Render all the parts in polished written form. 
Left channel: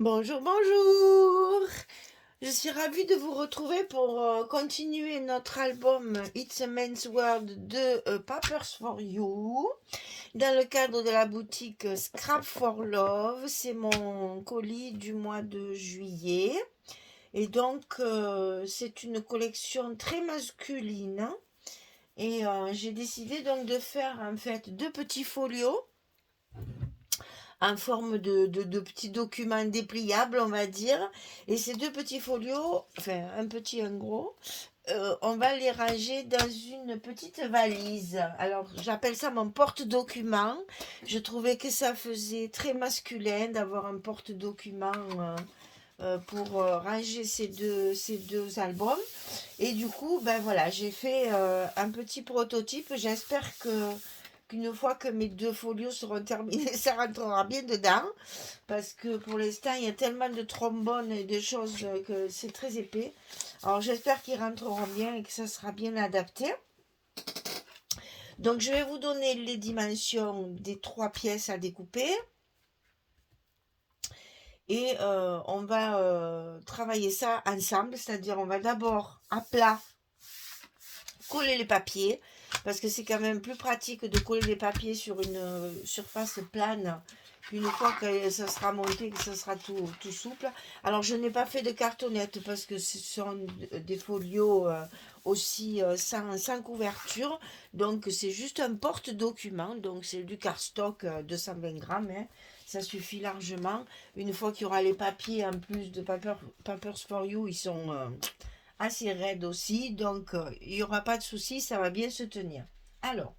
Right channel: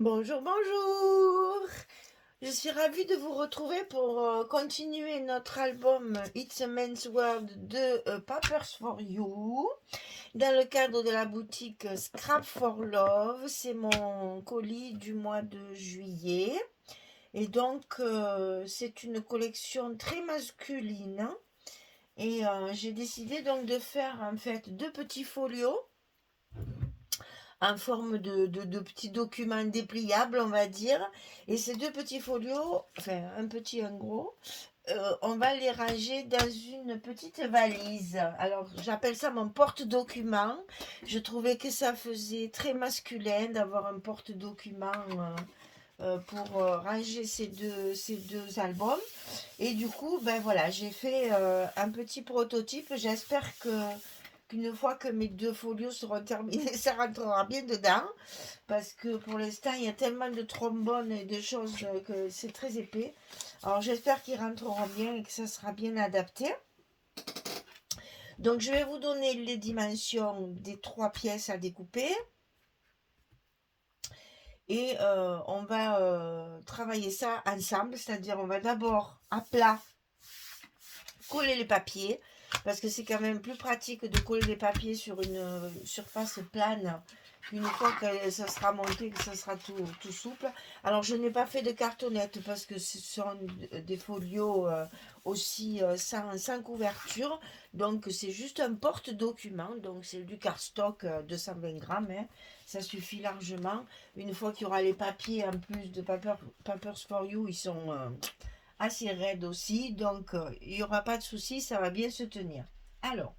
Bonjour, bonjour. Je suis ravie de vous retrouver pour continuer notre album It's a Men's World de Papers for You dans le cadre de la boutique Scrap for Love. C'est mon colis du mois de juillet et donc c'est une collection très masculine et j'ai décidé donc de faire en fait deux petits folios en forme de petits documents dépliables, on va dire. Et ces deux petits folios, enfin un petit et un gros, on va les ranger dans une petite valise. Alors j'appelle ça mon porte-document. Je trouvais que ça faisait très masculin d'avoir un porte-document pour ranger ces deux albums. Et du coup, ben voilà, j'ai fait un petit prototype. J'espère qu'une fois que mes deux folios seront terminés, ça rentrera bien dedans. Parce que pour l'instant, il y a tellement de trombones et de choses que c'est très épais. Alors j'espère qu'ils rentreront bien et que ça sera bien adapté. Donc je vais vous donner les dimensions des trois pièces à découper. Et on va travailler ça ensemble. C'est-à-dire on va d'abord à plat coller les papiers. Parce que c'est quand même plus pratique de coller les papiers sur une surface plane qu'une fois que ça sera monté, que ça sera tout souple. Alors je n'ai pas fait de cartonnette parce que ce sont des folios aussi sans couverture. Donc c'est juste un porte-document. Donc c'est du cardstock 220 grammes. Hein. Ça suffit largement. Une fois qu'il y aura les papiers en plus de Papers for You, ils sont assez raide aussi, donc il n'y aura pas de souci, ça va bien se tenir. Alors,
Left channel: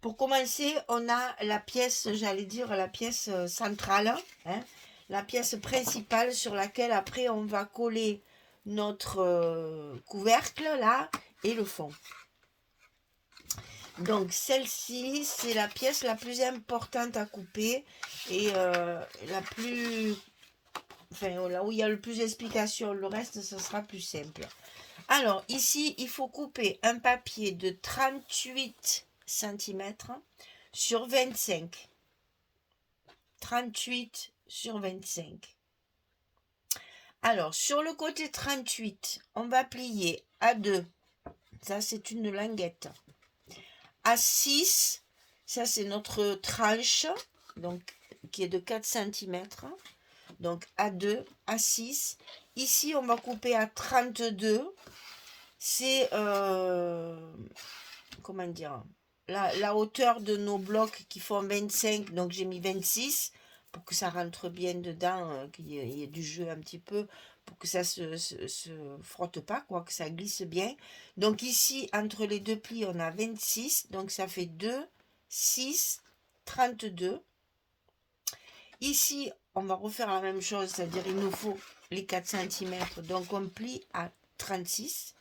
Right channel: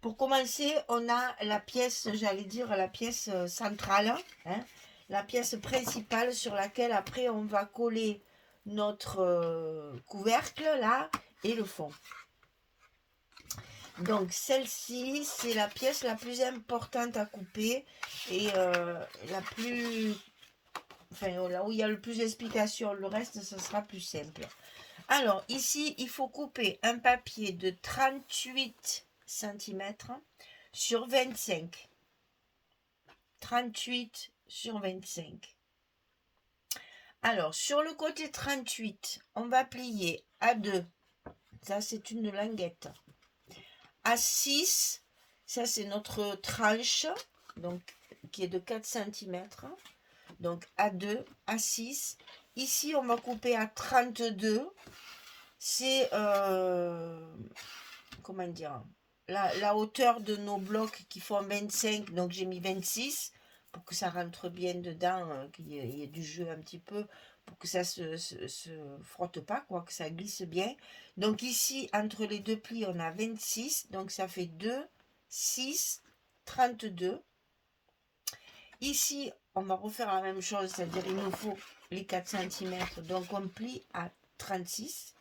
pour commencer, on a la pièce, j'allais dire la pièce centrale, hein, la pièce principale sur laquelle après on va coller notre couvercle là et le fond. Donc celle-ci, c'est la pièce la plus importante à couper et la plus, enfin là où il y a le plus d'explications, le reste ça sera plus simple. Alors, ici, il faut couper un papier de 38 cm sur 25. 38 sur 25. Alors, sur le côté 38, on va plier à 2. Ça, c'est une languette. À 6, ça, c'est notre tranche, donc, qui est de 4 cm. Donc, à 2, à 6. Ici, on va couper à 32. C'est comment dire, la hauteur de nos blocs qui font 25, donc j'ai mis 26 pour que ça rentre bien dedans, qu'il y ait du jeu un petit peu, pour que ça se frotte pas, quoi, que ça glisse bien. Donc ici, entre les deux plis, on a 26, donc ça fait 2, 6, 32. Ici, on va refaire la même chose, c'est-à-dire il nous faut les 4 cm, donc on plie à 36,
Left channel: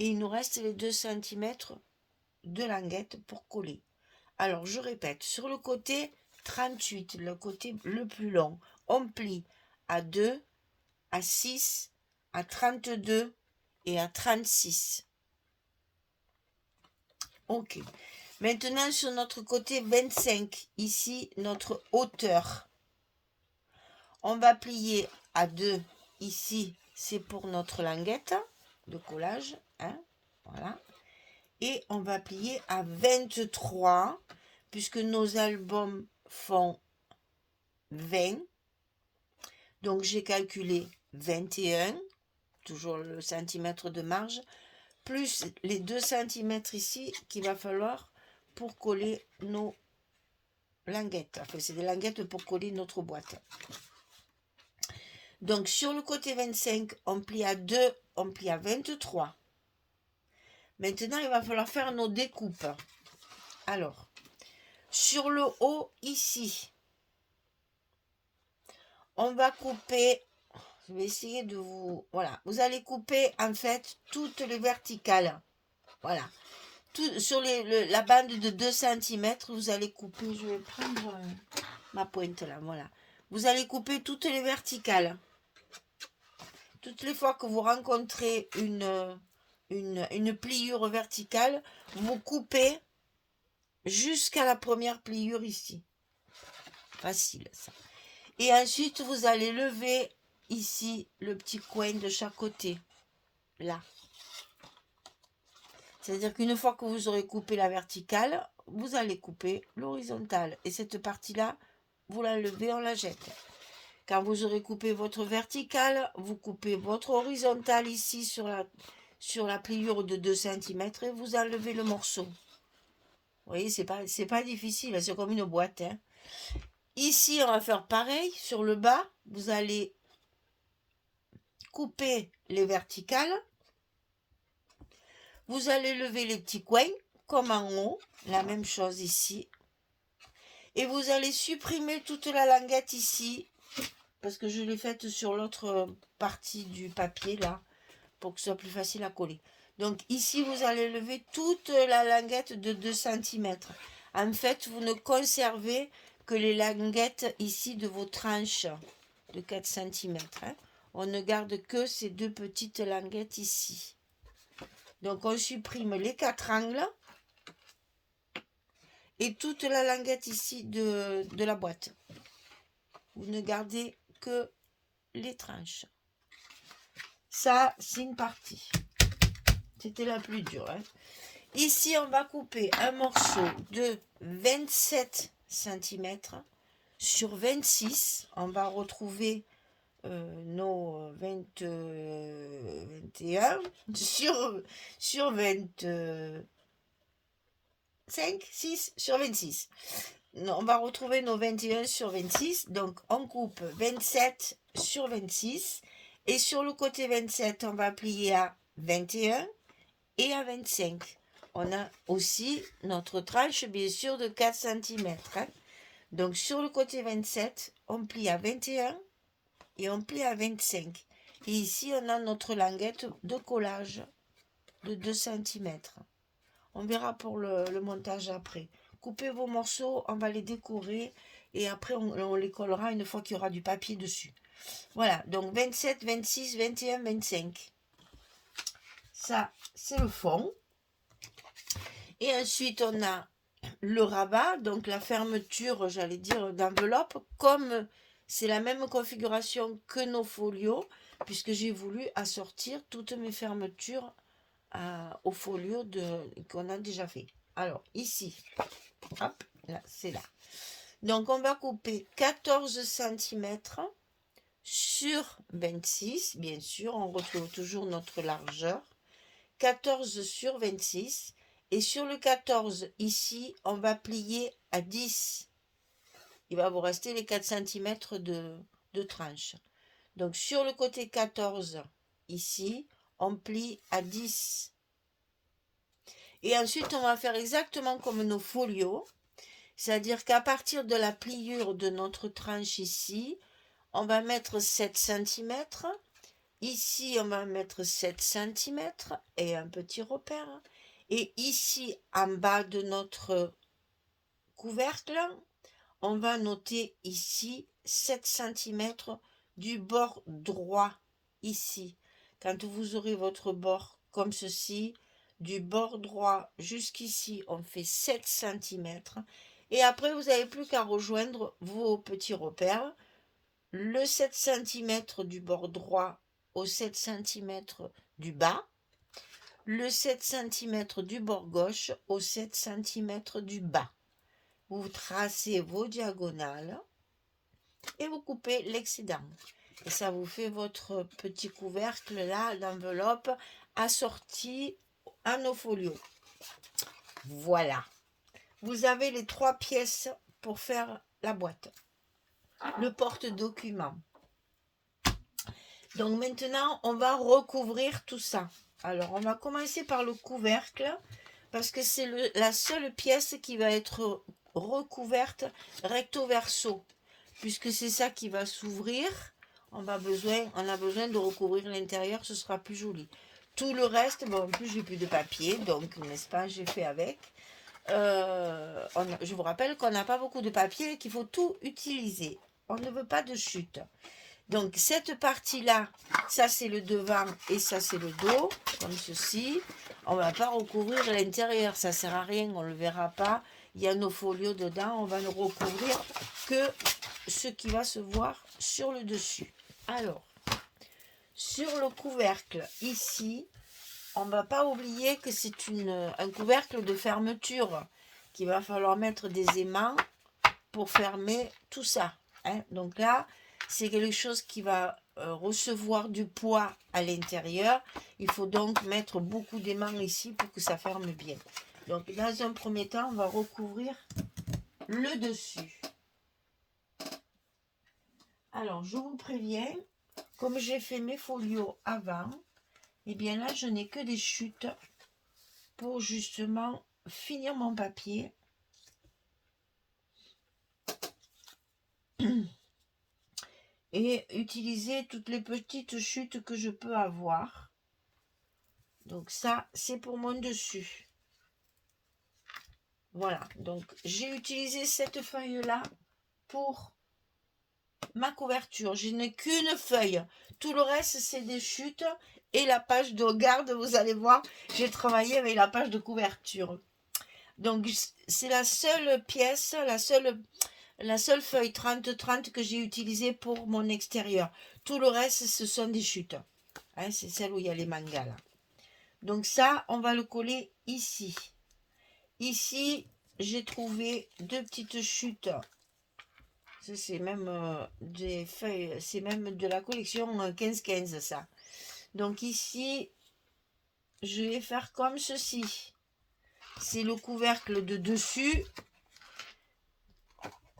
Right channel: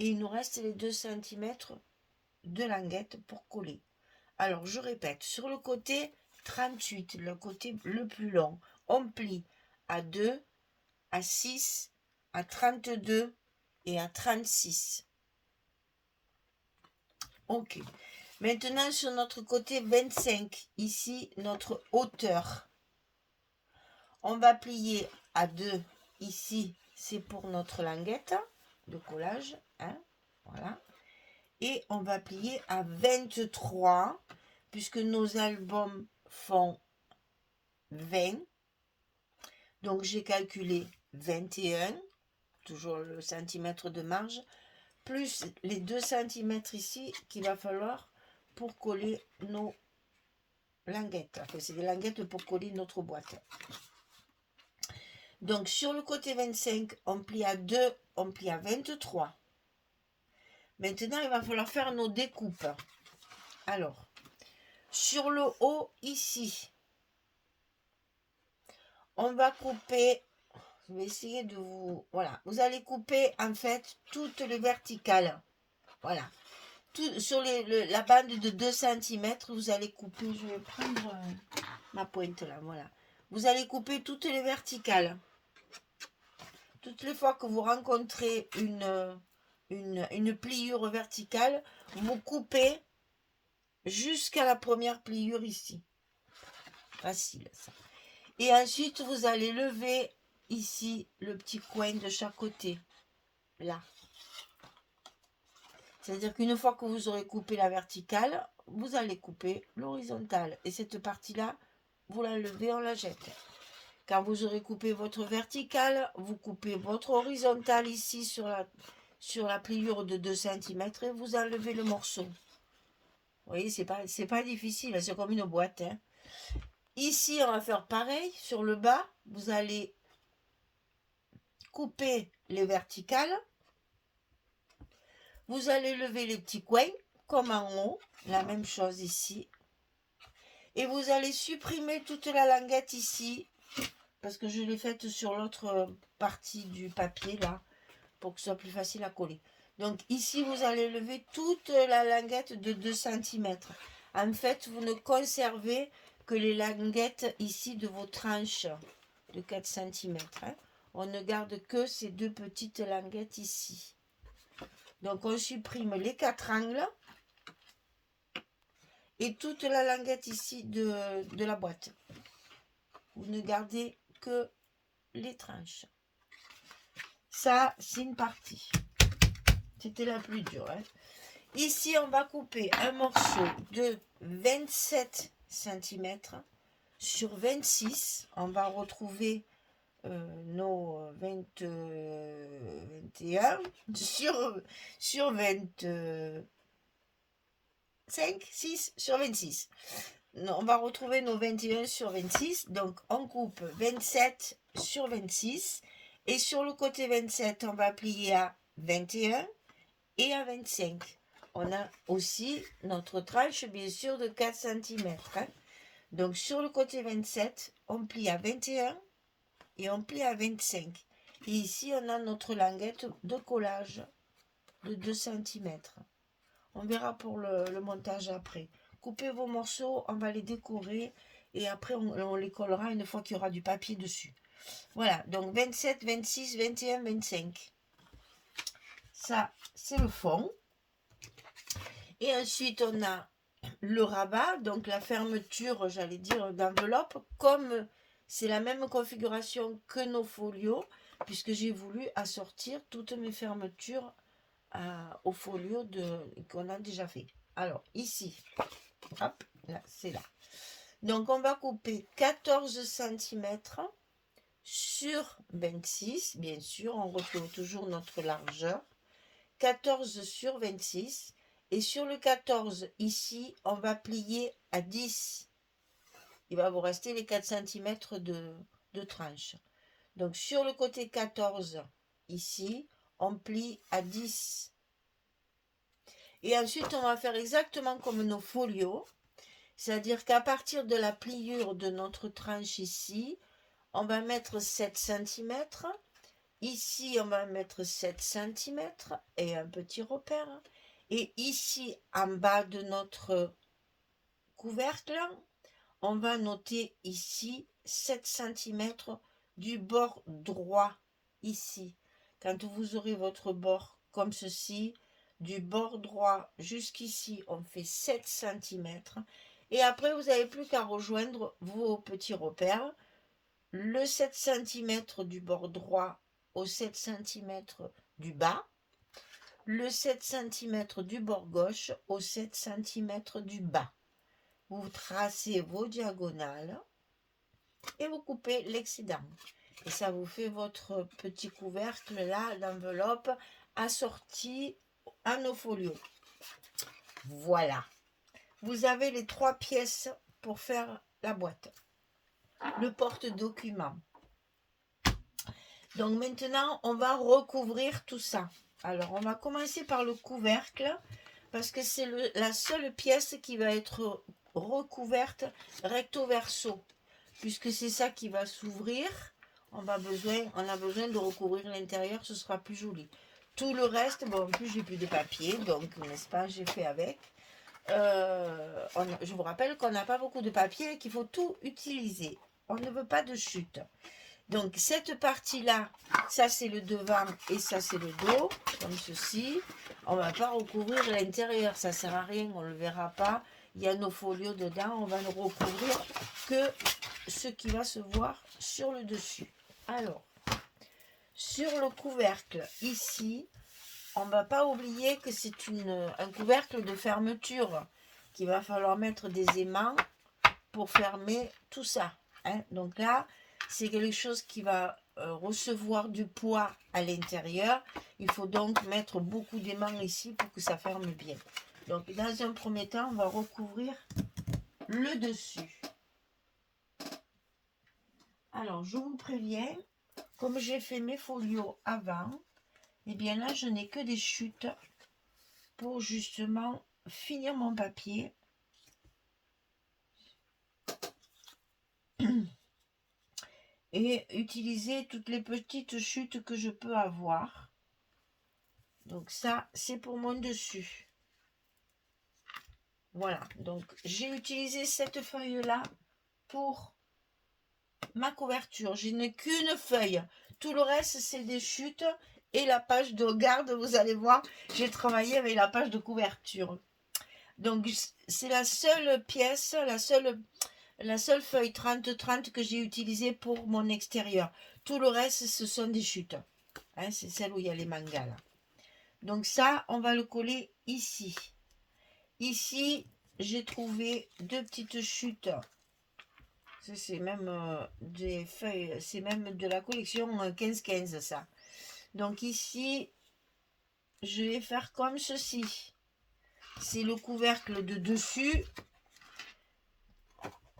et il nous reste les 2 cm de languette pour coller. Alors je répète, sur le côté 38, le côté le plus long, on plie à 2, à 6, à 32 et à 36. Ok. Maintenant sur notre côté 25, ici notre hauteur. On va plier à 2 ici, c'est pour notre languette de collage. Hein, voilà. Et on va plier à 23 puisque nos albums font 20. Donc j'ai calculé 21, toujours le centimètre de marge, plus les 2 cm ici qu'il va falloir pour coller nos languettes. Enfin, c'est des languettes pour coller notre boîte. Donc sur le côté 25, on plie à 2, on plie à 23. Maintenant, il va falloir faire nos découpes. Alors, sur le haut ici, on va couper, je vais essayer de vous, voilà, vous allez couper en fait toutes les verticales. Voilà. Sur la bande de 2 cm, vous allez couper, je vais prendre ma pointe là, voilà. Vous allez couper toutes les verticales. Toutes les fois que vous rencontrez une pliure verticale, vous coupez jusqu'à la première pliure ici. Facile ça. Et ensuite, vous allez lever ici le petit coin de chaque côté, là. C'est-à-dire qu'une fois que vous aurez coupé la verticale, vous allez couper l'horizontale. Et cette partie-là, vous la levez, on la jette. Quand vous aurez coupé votre verticale, vous coupez votre horizontale ici sur la pliure de 2 cm et vous enlevez le morceau. Vous voyez, c'est pas difficile, c'est comme une boîte. Hein. Ici, on va faire pareil. Sur le bas, vous allez couper les verticales. Vous allez lever les petits coins, comme en haut. La même chose ici. Et vous allez supprimer toute la languette ici. Parce que je l'ai faite sur l'autre partie du papier, là. Pour que ce soit plus facile à coller. Donc ici, vous allez lever toute la languette de 2 cm. En fait, vous ne conservez que les languettes ici de vos tranches de 4 cm. Hein. On ne garde que ces 2 petites languettes ici. Donc on supprime les 4 angles et toute la languette ici de la boîte. Vous ne gardez que les tranches. Ça, c'est une partie. C'était la plus dure. Hein. Ici, on va couper un morceau de 27 cm sur 26. On va retrouver nos 21 sur 25, 6 sur 26. On va retrouver nos 21 sur 26. Donc, on coupe 27 sur 26. Et sur le côté 27, on va plier à 21 et à 25. On a aussi notre tranche, bien sûr, de 4 cm. Hein. Donc, sur le côté 27, on plie à 21 et on plie à 25. Et ici, on a notre languette de collage de 2 cm. On verra pour le montage après. Coupez vos morceaux, on va les décorer et après, on les collera une fois qu'il y aura du papier dessus. Voilà, donc 27, 26, 21, 25. Ça, c'est le fond. Et ensuite, on a le rabat, donc la fermeture, j'allais dire, d'enveloppe. Comme c'est la même configuration que nos folios, puisque j'ai voulu assortir toutes mes fermetures au folio qu'on a déjà fait. Alors, ici, hop, là, c'est là. Donc, on va couper 14 cm sur 26, bien sûr, on retrouve toujours notre largeur. 14 sur 26. Et sur le 14, ici, on va plier à 10. Il va vous rester les 4 cm de tranche. Donc, sur le côté 14, ici, on plie à 10. Et ensuite, on va faire exactement comme nos folios. C'est-à-dire qu'à partir de la pliure de notre tranche ici, on va mettre 7 cm. Ici, on va mettre 7 cm et un petit repère. Et ici, en bas de notre couvercle, on va noter ici 7 cm du bord droit, ici. Quand vous aurez votre bord comme ceci, du bord droit jusqu'ici, on fait 7 cm. Et après, vous n'avez plus qu'à rejoindre vos petits repères. Le 7 cm du bord droit au 7 cm du bas, le 7 cm du bord gauche au 7 cm du bas. Vous tracez vos diagonales et vous coupez l'excédent. Et ça vous fait votre petit couvercle là d'enveloppe assorti à nos folios. Voilà. Vous avez les 3 pièces pour faire la boîte. Le porte-document. Donc maintenant, on va recouvrir tout ça. Alors, on va commencer par le couvercle, parce que c'est la seule pièce qui va être recouverte recto verso, puisque c'est ça qui va s'ouvrir. On a besoin de recouvrir l'intérieur, ce sera plus joli. Tout le reste, bon, en plus j'ai plus de papier, donc n'est-ce pas, j'ai fait avec. Je vous rappelle qu'on n'a pas beaucoup de papier et qu'il faut tout utiliser. On ne veut pas de chute. Donc cette partie-là, ça c'est le devant et ça c'est le dos, comme ceci. On ne va pas recouvrir l'intérieur, ça ne sert à rien, on ne le verra pas. Il y a nos folios dedans, on va ne recouvrir que ce qui va se voir sur le dessus. Alors, sur le couvercle, ici, on ne va pas oublier que c'est un couvercle de fermeture qu'il va falloir mettre des aimants pour fermer tout ça. Hein. Donc là, c'est quelque chose qui va recevoir du poids à l'intérieur. Il faut donc mettre beaucoup d'aimants ici pour que ça ferme bien. Donc dans un premier temps, on va recouvrir le dessus. Alors, je vous préviens, comme j'ai fait mes folios avant, et bien là, je n'ai que des chutes pour justement finir mon papier. Et utiliser toutes les petites chutes que je peux avoir. Donc ça, c'est pour mon dessus. Voilà, donc j'ai utilisé cette feuille-là pour ma couverture. Je n'ai qu'une feuille. Tout le reste, c'est des chutes. Et la page de garde, vous allez voir, j'ai travaillé avec la page de couverture. Donc, c'est la seule pièce, la seule feuille 30-30 que j'ai utilisée pour mon extérieur. Tout le reste, ce sont des chutes. Hein, c'est celle où il y a les mangas, là. Donc ça, on va le coller ici. Ici, j'ai trouvé deux petites chutes. C'est même des feuilles, c'est même de la collection 15-15, ça. Donc ici, je vais faire comme ceci. C'est le couvercle de dessus.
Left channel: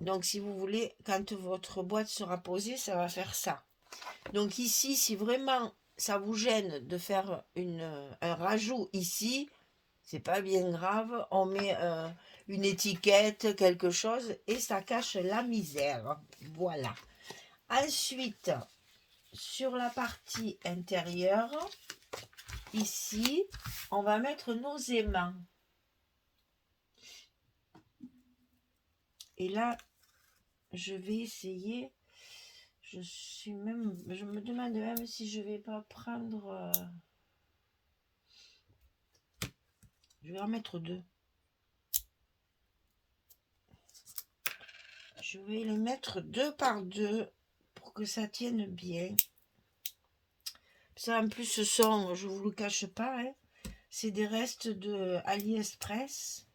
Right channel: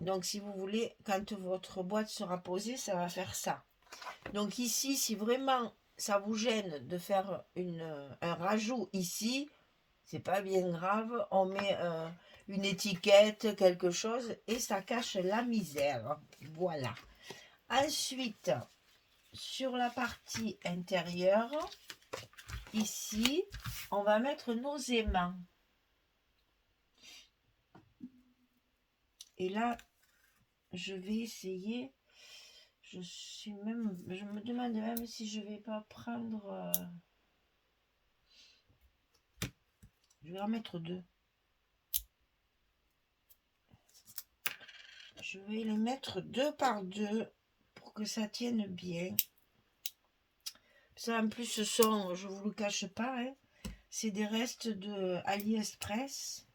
Donc si vous voulez, quand votre boîte sera posée, ça va faire ça. Donc ici, si vraiment ça vous gêne de faire un rajout ici, c'est pas bien grave. On met une étiquette, quelque chose, et ça cache la misère. Voilà. Ensuite, sur la partie intérieure, ici, on va mettre nos aimants. Et là, je vais essayer. Je me demande même si je vais pas prendre. Je vais en mettre deux. Je vais les mettre deux par deux pour que ça tienne bien. Ça, en plus, ce sont, je vous le cache pas, hein, c'est des restes de AliExpress.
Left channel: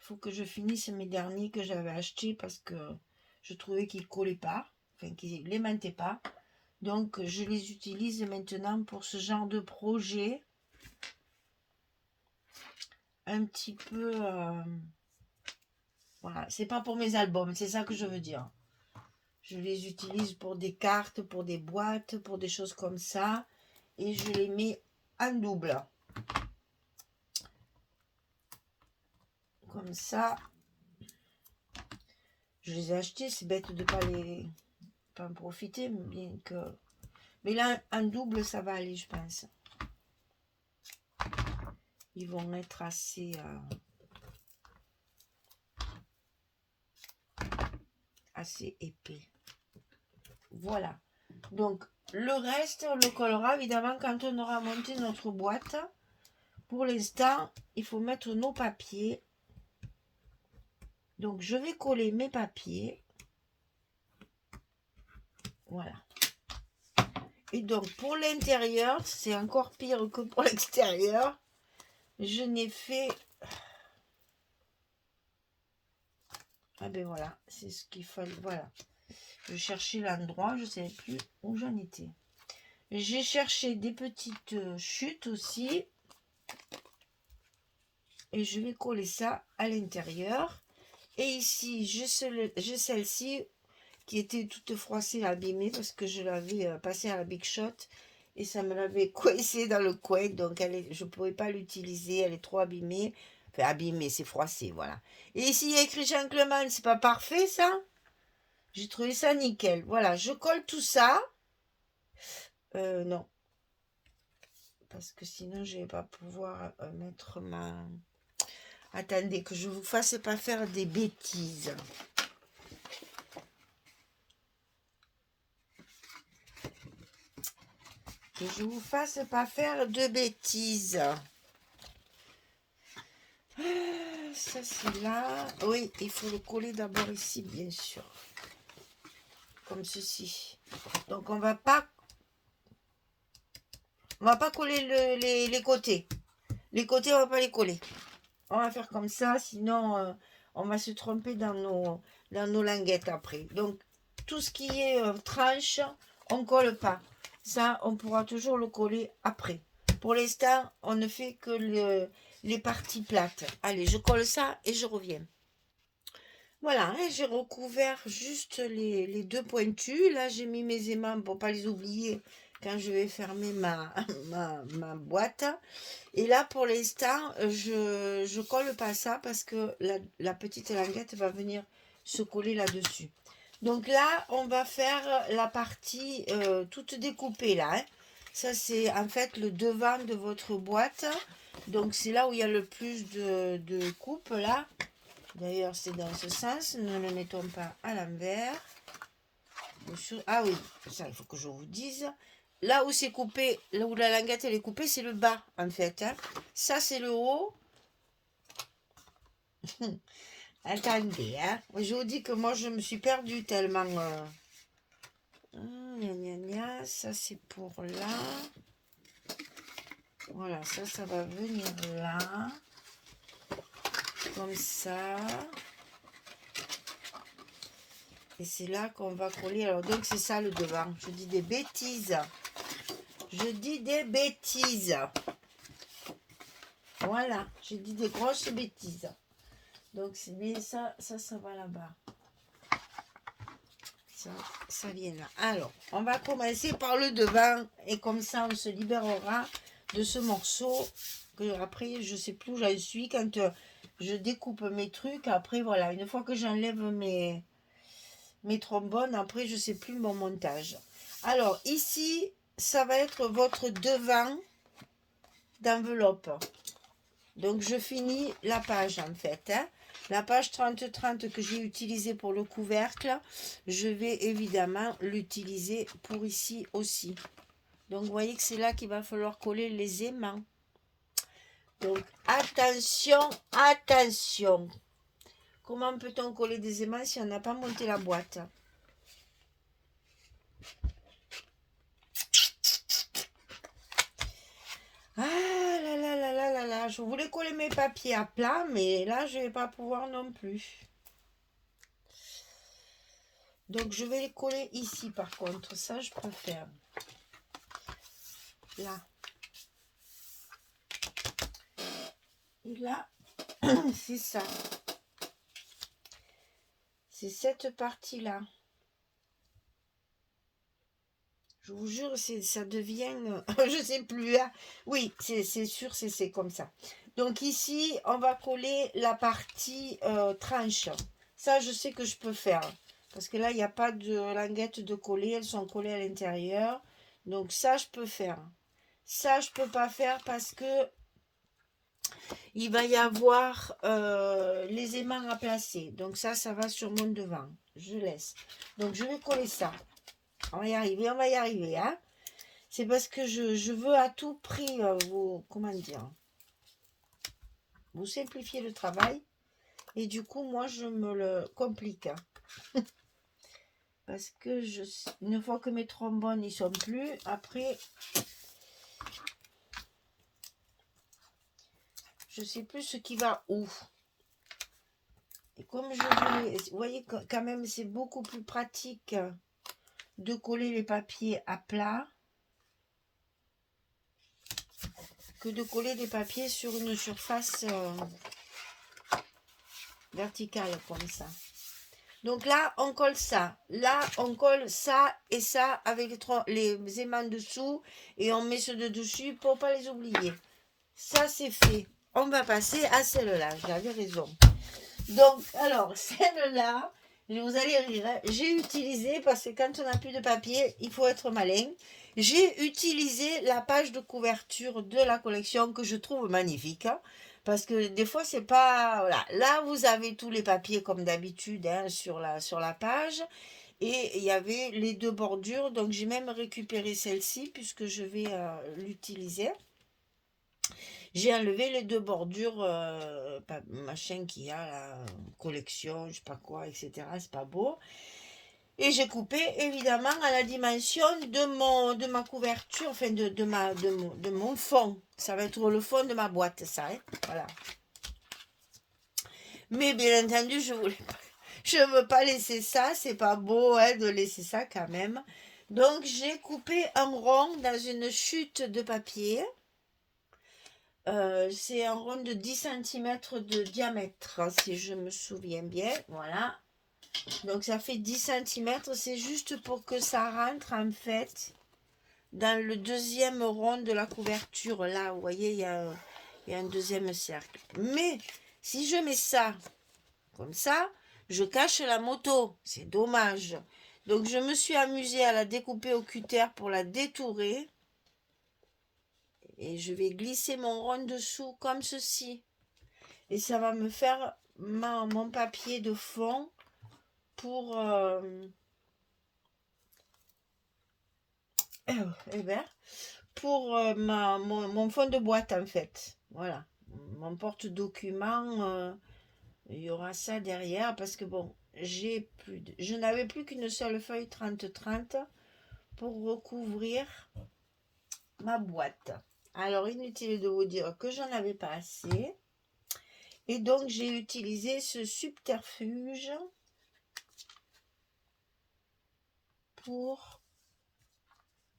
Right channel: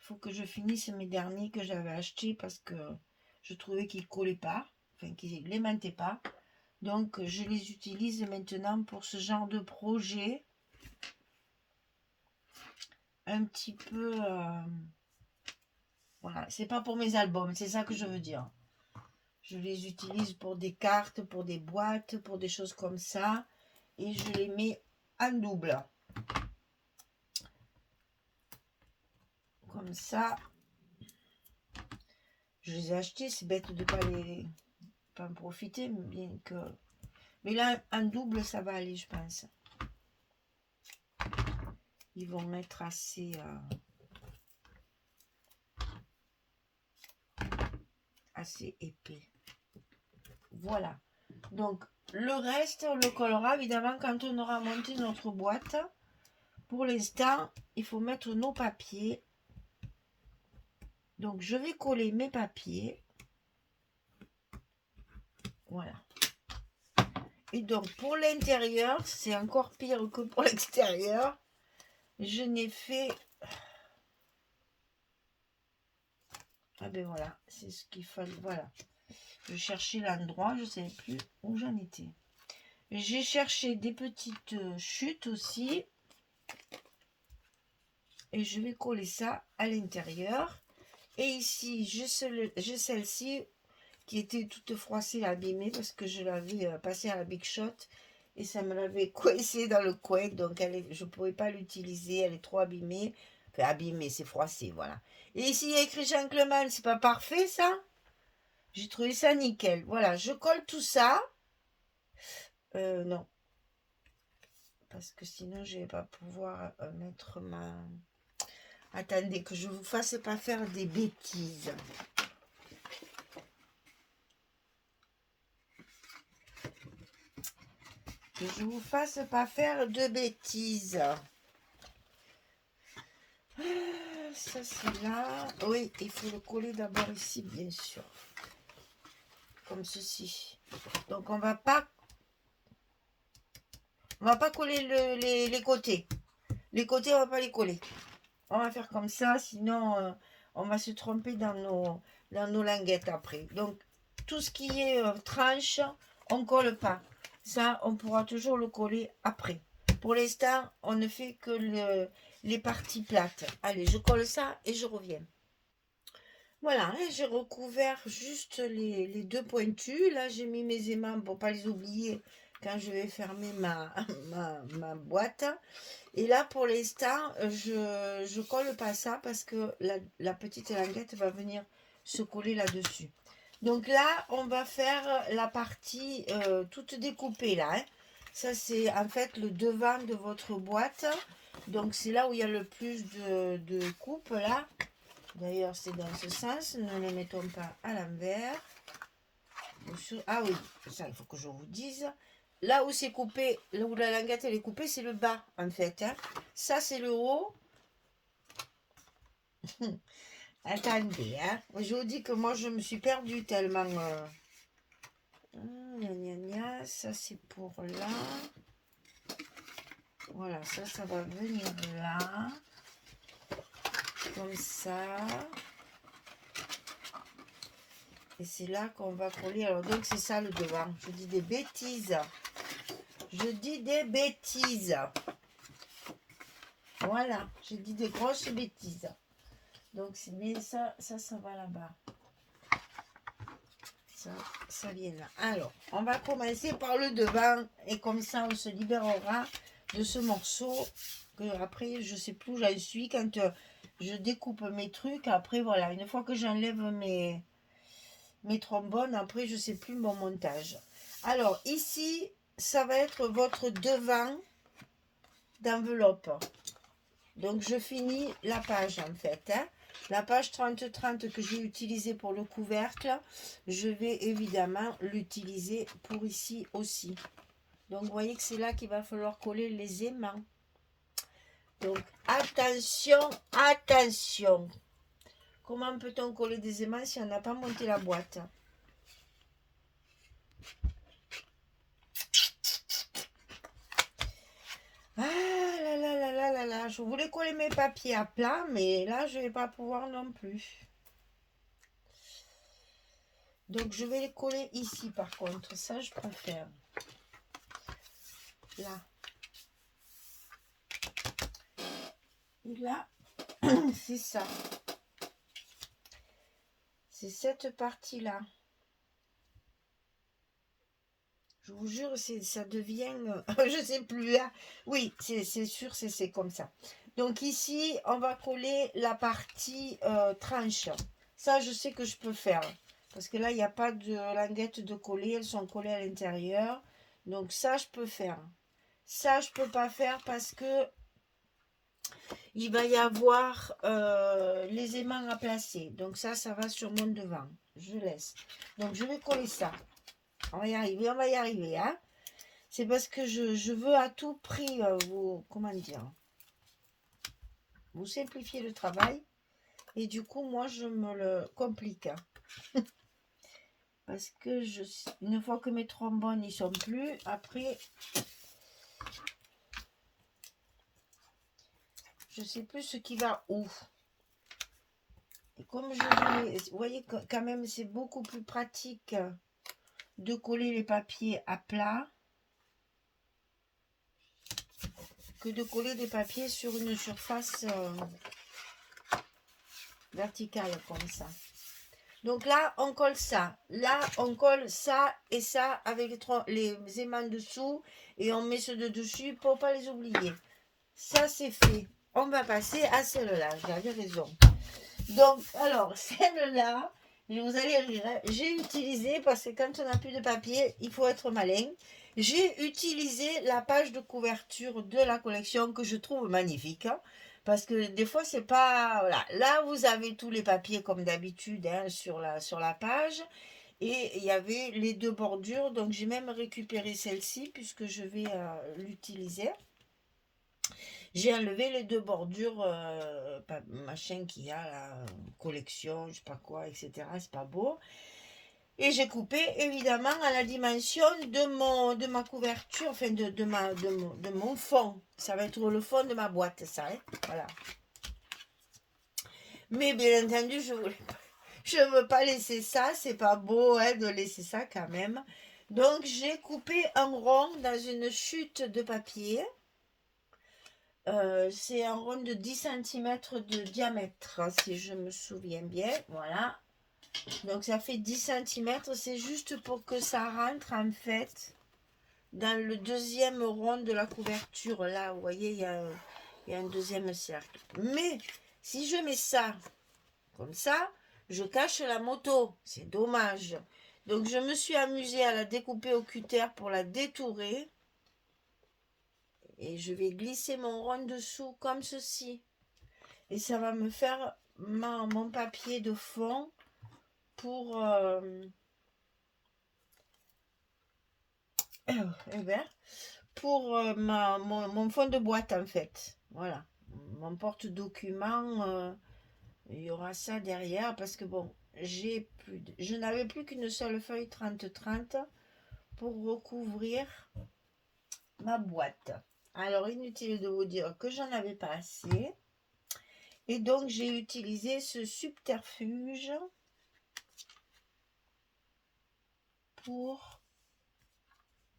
Il faut que je finisse mes derniers que j'avais achetés parce que je trouvais qu'ils ne collaient pas, enfin qu'ils n'aimantaient pas. Donc, je les utilise maintenant pour ce genre de projet. Un petit peu... voilà, c'est pas pour mes albums, c'est ça que je veux dire. Je les utilise pour des cartes, pour des boîtes, pour des choses comme ça. Et je les mets en double. Comme ça. Je les ai achetés, c'est bête de ne pas en profiter. Bien que... Mais là, en double, ça va aller, je pense. Ils vont être assez épais. Voilà. Donc, le reste, on le collera évidemment quand on aura monté notre boîte. Pour l'instant, il faut mettre nos papiers. Donc, je vais coller mes papiers. Voilà. Et donc, pour l'intérieur, c'est encore pire que pour l'extérieur. Je n'ai fait... Ah ben voilà, c'est ce qu'il fallait. Voilà. Je cherchais l'endroit, je ne savais plus où j'en étais. J'ai cherché des petites chutes aussi. Et je vais coller ça à l'intérieur. Et ici, j'ai celle-ci qui était toute froissée, abîmée, parce que je l'avais passée à la Big Shot. Et ça me l'avait coincée dans le coin. Donc, je ne pouvais pas l'utiliser. Elle est trop abîmée. Enfin, abîmée, c'est froissé, voilà. Et ici, il y a écrit Jean-Clément. C'est pas parfait, ça? J'ai trouvé ça nickel. Voilà, je colle tout ça. Non. Parce que sinon, je ne vais pas pouvoir mettre ma... Attendez, que je ne vous fasse pas faire des bêtises. Que je ne vous fasse pas faire de bêtises. ça c'est là. Oui, il faut le coller d'abord ici, bien sûr. Comme ceci. Donc on va pas coller les côtés. Les côtés, on va pas les coller. On va faire comme ça, sinon on va se tromper dans nos languettes après. Donc tout ce qui est tranche, on colle pas. Ça, on pourra toujours le coller après. Pour l'instant, on ne fait que les parties plates. Allez, je colle ça et je reviens. Voilà, hein, j'ai recouvert juste les deux pointus. Là, j'ai mis mes aimants pour pas les oublier quand je vais fermer ma boîte. Et là, pour l'instant, je colle pas ça parce que la petite languette va venir se coller là-dessus. Donc là, on va faire la partie toute découpée là, hein. Ça, c'est en fait le devant de votre boîte. Donc c'est là où il y a le plus de coupes là. D'ailleurs, c'est dans ce sens. Ne le mettons pas à l'envers. Ah oui, ça, il faut que je vous dise. Là où c'est coupé, là où la languette elle est coupée, c'est le bas en fait, hein. Ça, c'est le haut. Attendez, hein. Je vous dis que moi, je me suis perdue tellement. Gna, gna, gna. Ça, c'est pour là. Voilà, ça va venir là. Comme ça. Et c'est là qu'on va coller. Alors, donc, c'est ça le devant. Je dis des bêtises. Je dis des bêtises. Voilà, j'ai dit des grosses bêtises. Donc, mais ça va là-bas. Ça vient là. Alors, on va commencer par le devant. Et comme ça, on se libérera de ce morceau. Que après, je sais plus où j'en suis. Quand je découpe mes trucs, après, voilà. Une fois que j'enlève mes trombones, après, je sais plus mon montage. Alors, ici, ça va être votre devant d'enveloppe. Donc, je finis la page, en fait, hein. La page 30-30 que j'ai utilisée pour le couvercle, je vais évidemment l'utiliser pour ici aussi. Donc, vous voyez que c'est là qu'il va falloir coller les aimants. Donc, attention, attention. Comment peut-on coller des aimants si on n'a pas monté la boîte? Ah là là là là là là, je voulais coller mes papiers à plat, mais là, je ne vais pas pouvoir non plus. Donc, je vais les coller ici, par contre. Ça, je peux faire. Là. Et là, c'est ça. C'est cette partie-là. Je vous jure, ça devient... je sais plus. Hein. Oui, c'est sûr, c'est comme ça. Donc ici, on va coller la partie tranche. Ça, je sais que je peux faire. Parce que là, il n'y a pas de languettes de coller. Elles sont collées à l'intérieur. Donc ça, je peux faire. Ça, je peux pas faire parce que il va y avoir les aimants à placer. Donc ça va sur mon devant. Je laisse. Donc je vais coller ça. On va y arriver, hein. C'est parce que je veux à tout prix vous, comment dire, vous simplifier le travail. Et du coup, moi, je me le complique. Hein. Parce que une fois que mes trombones n'y sont plus, après, je sais plus ce qui va où. Et comme vous voyez quand même, c'est beaucoup plus pratique de coller les papiers à plat que de coller des papiers sur une surface verticale comme ça. Donc là, on colle ça. Là, on colle ça et ça avec les aimants dessous et on met ceux de dessus pour pas les oublier. Ça, c'est fait. On va passer à celle-là. J'avais raison. Donc, alors, celle-là, vous allez rire, hein, j'ai utilisé, parce que quand on n'a plus de papier, il faut être malin. J'ai utilisé la page de couverture de la collection que je trouve magnifique. Hein, parce que des fois, c'est pas... Voilà. Là, vous avez tous les papiers comme d'habitude hein, sur la page. Et il y avait les deux bordures. Donc, j'ai même récupéré celle-ci puisque je vais l'utiliser. J'ai enlevé les deux bordures, machin qu'il y a, la collection, je sais pas quoi, etc. C'est pas beau. Et j'ai coupé évidemment à la dimension de ma couverture, enfin de mon fond. Ça va être le fond de ma boîte, ça. Hein, voilà. Mais bien entendu, je veux pas laisser ça. C'est pas beau hein, de laisser ça quand même. Donc j'ai coupé un rond dans une chute de papier. C'est un rond de 10 cm de diamètre, si je me souviens bien. Voilà. Donc ça fait 10 cm. C'est juste pour que ça rentre en fait dans le deuxième rond de la couverture. Là, vous voyez, il y a un deuxième cercle. Mais si je mets ça comme ça, je cache la moto. C'est dommage. Donc je me suis amusée à la découper au cutter pour la détourer. Et je vais glisser mon rond dessous comme ceci. Et ça va me faire mon papier de fond pour mon fond de boîte en fait. Voilà. Mon porte-document, il y aura ça derrière parce que bon, je n'avais plus qu'une seule feuille 30-30 pour recouvrir ma boîte. Alors, inutile de vous dire que j'en avais pas assez. Et donc, j'ai utilisé ce subterfuge pour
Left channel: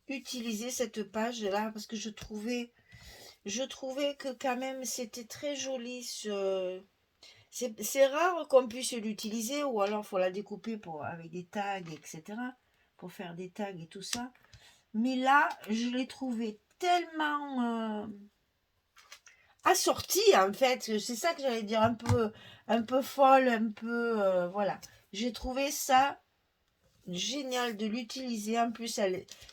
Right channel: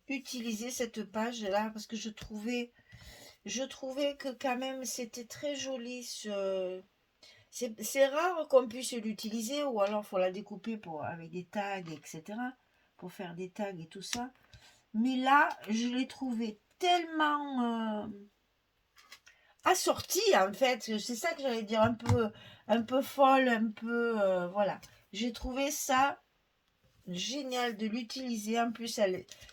utiliser cette page-là parce que je trouvais que quand même c'était très joli. C'est rare qu'on puisse l'utiliser ou alors il faut la découper avec des tags, etc. Pour faire des tags et tout ça. Mais là, je l'ai trouvé tellement assortie en fait. C'est ça que j'allais dire, un peu folle, un peu... voilà. J'ai trouvé ça génial de l'utiliser. En plus,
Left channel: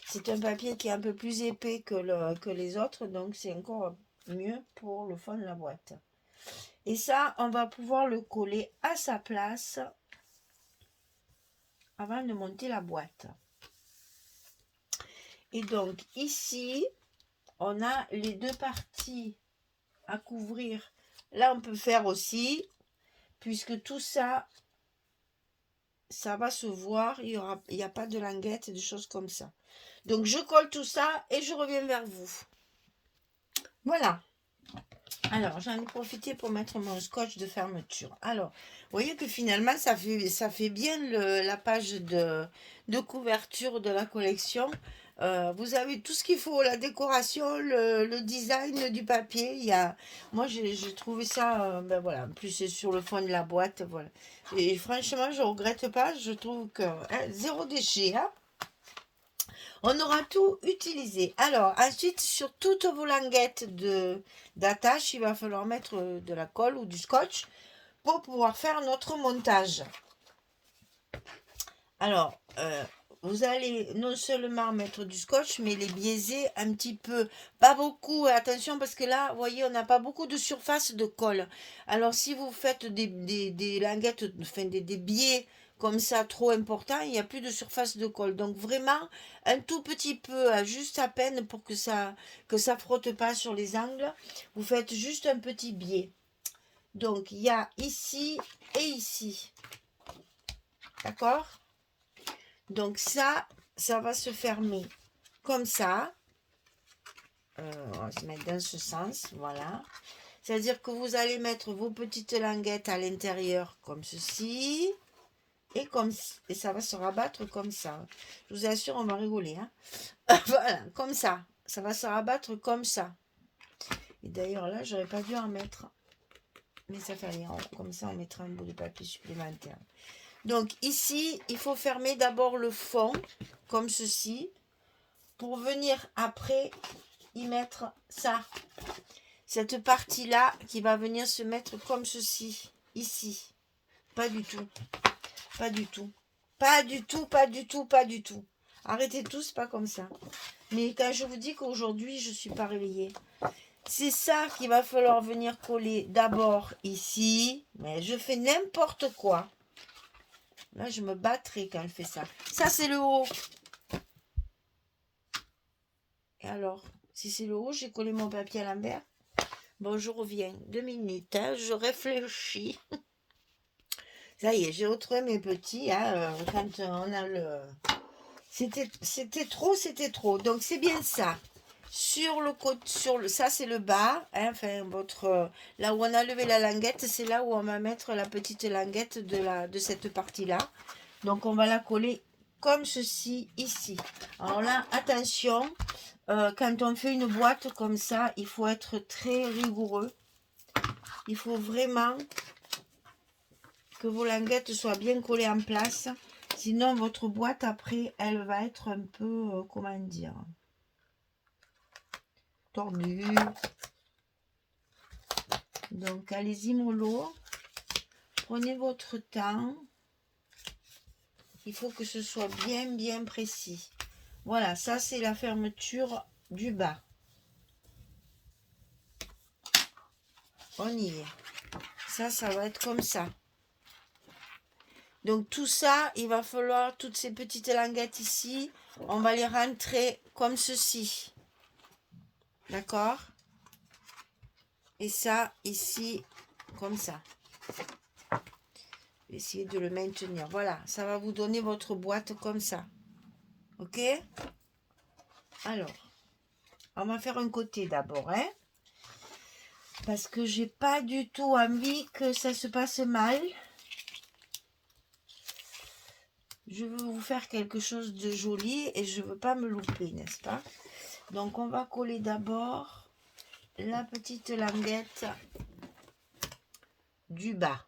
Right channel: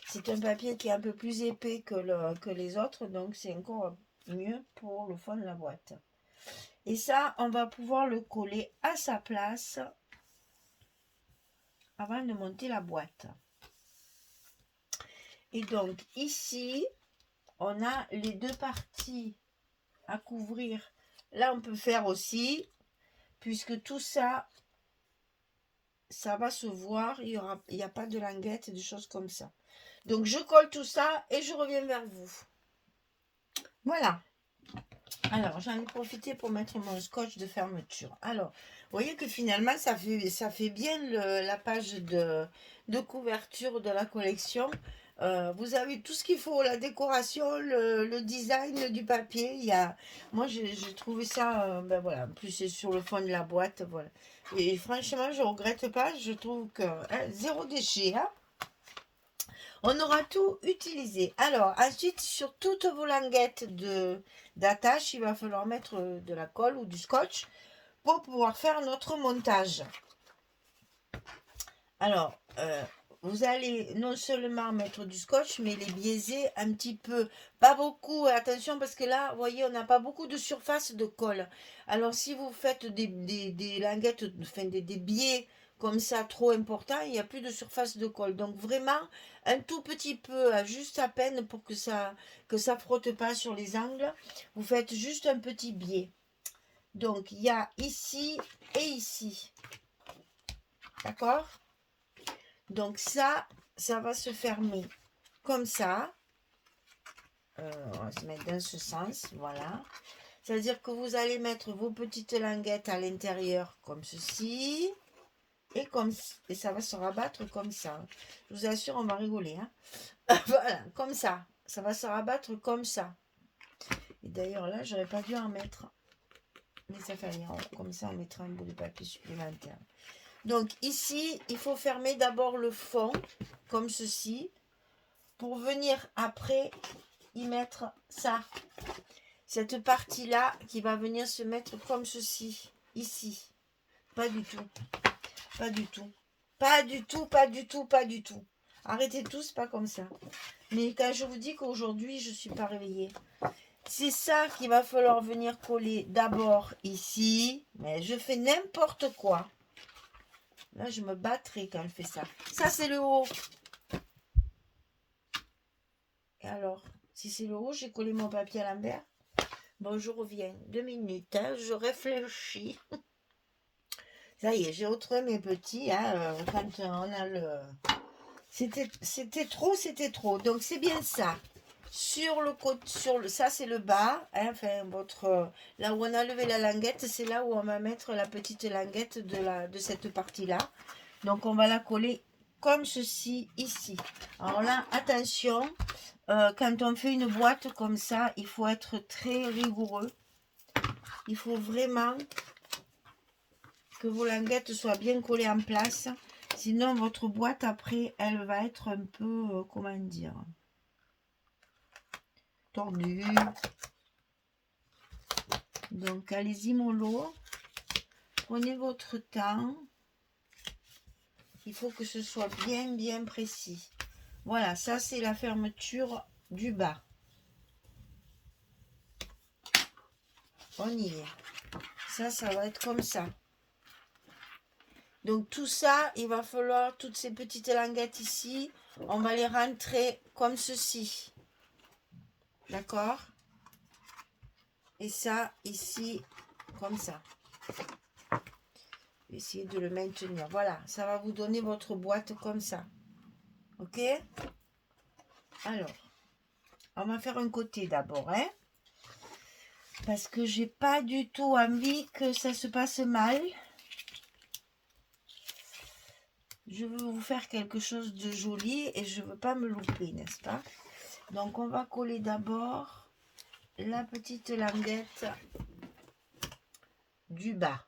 c'est un papier qui est un peu plus épais que les autres. Donc, c'est encore mieux pour le fond de la boîte. Et ça, on va pouvoir le coller à sa place avant de monter la boîte. Et donc, ici, on a les deux parties à couvrir. Là, on peut faire aussi, puisque tout ça, ça va se voir. Il n'y a pas de languette, de choses comme ça. Donc, je colle tout ça et je reviens vers vous. Voilà. Alors, j'en ai profité pour mettre mon scotch de fermeture. Alors, vous voyez que finalement, ça fait bien la page de couverture de la collection. Vous avez tout ce qu'il faut, la décoration, le design du papier. Moi, j'ai trouvé ça, ben voilà, en plus c'est sur le fond de la boîte, voilà. Et franchement, je ne regrette pas, je trouve que zéro déchet, hein. On aura tout utilisé. Alors, ensuite, sur toutes vos languettes d'attache, il va falloir mettre de la colle ou du scotch pour pouvoir faire notre montage. Alors, vous allez non seulement mettre du scotch, mais les biaiser un petit peu. Pas beaucoup, attention, parce que là, vous voyez, on n'a pas beaucoup de surface de colle. Alors, si vous faites des languettes, enfin des biais comme ça trop importants, il n'y a plus de surface de colle. Donc, vraiment, un tout petit peu, juste à peine pour que ça frotte pas sur les angles. Vous faites juste un petit biais. Donc, il y a ici et ici. D'accord ? Donc ça va se fermer comme ça. On va se mettre dans ce sens, voilà. C'est-à-dire que vous allez mettre vos petites languettes à l'intérieur comme ceci. Et ça va se rabattre comme ça. Je vous assure, on va rigoler. Hein. Voilà, comme ça. Ça va se rabattre comme ça. Et d'ailleurs, là, j'aurais pas dû en mettre. Mais ça fait rien. Comme ça, on mettra un bout de papier supplémentaire. Donc ici, il faut fermer d'abord le fond, comme ceci, pour venir après y mettre ça. Cette partie-là qui va venir se mettre comme ceci, ici. Pas du tout. Pas du tout. Pas du tout, pas du tout, pas du tout. Arrêtez tout, c'est pas comme ça. Mais quand je vous dis qu'aujourd'hui, je ne suis pas réveillée, c'est ça qu'il va falloir venir coller d'abord ici. Mais je fais n'importe quoi. Là, je me battrai quand elle fait ça. Ça, c'est le haut. Et alors, si c'est le haut, j'ai collé mon papier à l'envers. Bon, je reviens. 2 minutes, hein, je réfléchis. Ça y est, j'ai retrouvé mes petits, hein, quand on a le... C'était trop. Donc, c'est bien ça. Sur le côté, ça c'est le bas, hein, enfin là où on a levé la languette, c'est là où on va mettre la petite languette de cette partie-là. Donc on va la coller comme ceci ici. Alors là, attention, quand on fait une boîte comme ça, il faut être très rigoureux. Il faut vraiment que vos languettes soient bien collées en place. Sinon, votre boîte, après, elle va être un peu, comment dire, tordue. Donc, allez-y, mollo. Prenez votre temps. Il faut que ce soit bien précis. Voilà, ça, c'est la fermeture du bas. On y est. Ça va être comme ça. Donc tout ça, il va falloir, toutes ces petites languettes ici, on va les rentrer comme ceci. D'accord? Et ça, ici, comme ça. Essayez de le maintenir. Voilà, ça va vous donner votre boîte comme ça. Ok? Alors, on va faire un côté d'abord, hein? Parce que j'ai pas du tout envie que ça se passe mal. Je veux vous faire quelque chose de joli et je veux pas me louper, n'est-ce pas? Donc on va coller d'abord la petite languette du bas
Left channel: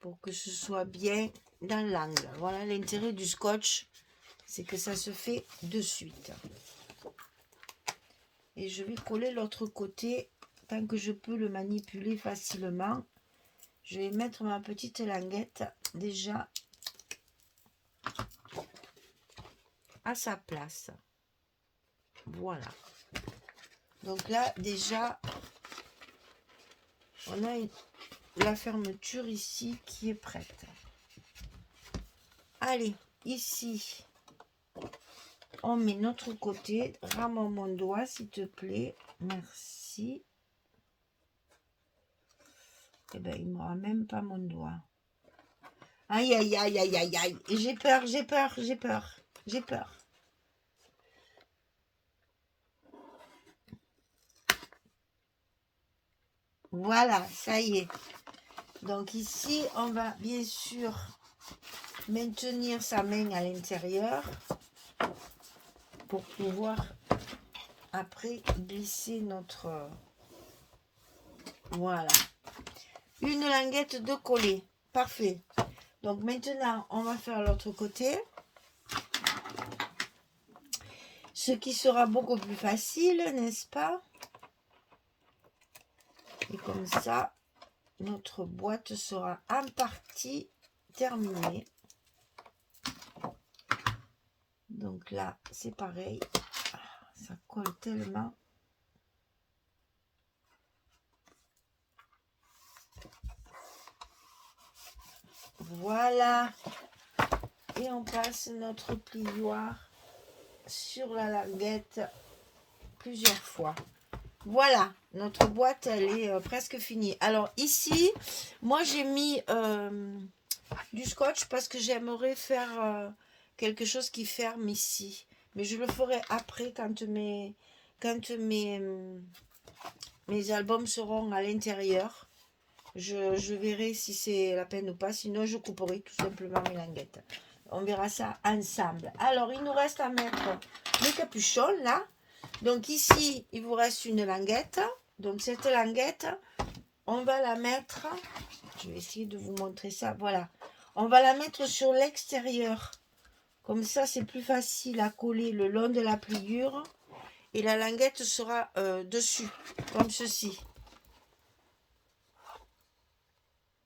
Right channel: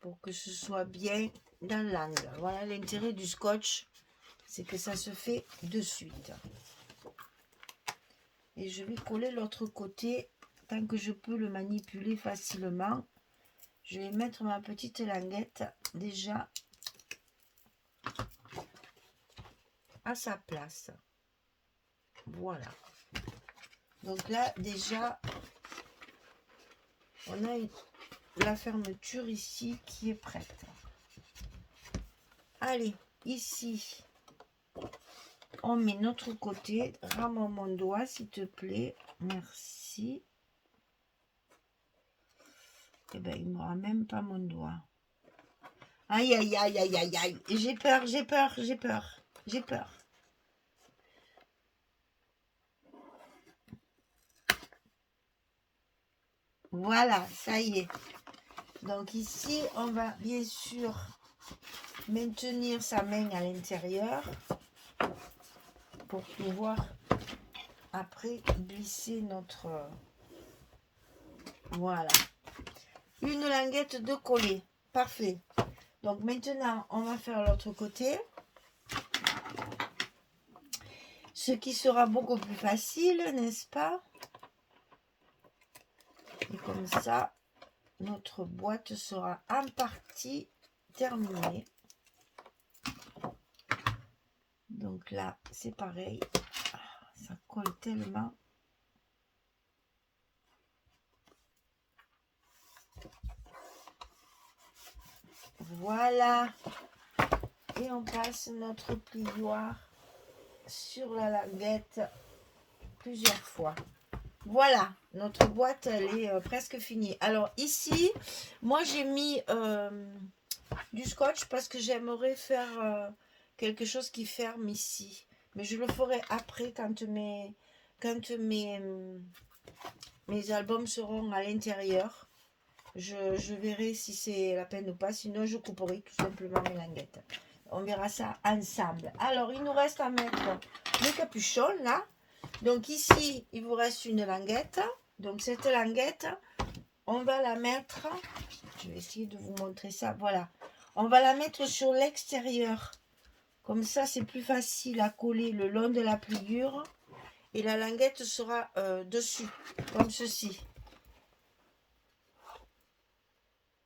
pour que ce soit bien dans l'angle. Voilà, l'intérêt du scotch, c'est que ça se fait de suite. Et je vais coller l'autre côté tant que je peux le manipuler facilement. Je vais mettre ma petite languette déjà à sa place. Voilà. Donc là, déjà, on a la fermeture ici qui est prête. Allez, ici, on met notre côté. Rame mon doigt, s'il te plaît. Merci. Eh bien, il ne m'aura même pas mon doigt. Aïe, aïe, aïe, aïe, aïe, aïe. J'ai peur. Voilà, ça y est. Donc ici, on va bien sûr maintenir sa main à l'intérieur pour pouvoir après glisser notre... Voilà. Une languette de coller. Parfait. Donc maintenant, on va faire l'autre côté. Ce qui sera beaucoup plus facile, n'est-ce pas? Et comme ça, notre boîte sera en partie terminée. Donc là, c'est pareil. Ça colle tellement. Voilà. Et on passe notre plioir sur la languette plusieurs fois. Voilà, notre boîte, elle est presque finie. Alors ici, moi j'ai mis du scotch parce que j'aimerais faire quelque chose qui ferme ici. Mais je le ferai après quand mes albums seront à l'intérieur. Je verrai si c'est la peine ou pas. Sinon, je couperai tout simplement mes languettes. On verra ça ensemble. Alors, il nous reste à mettre le capuchon là. Donc ici, il vous reste une languette. Donc cette languette, on va la mettre... Je vais essayer de vous montrer ça. Voilà. On va la mettre sur l'extérieur. Comme ça, c'est plus facile à coller le long de la pliure. Et la languette sera dessus, comme ceci.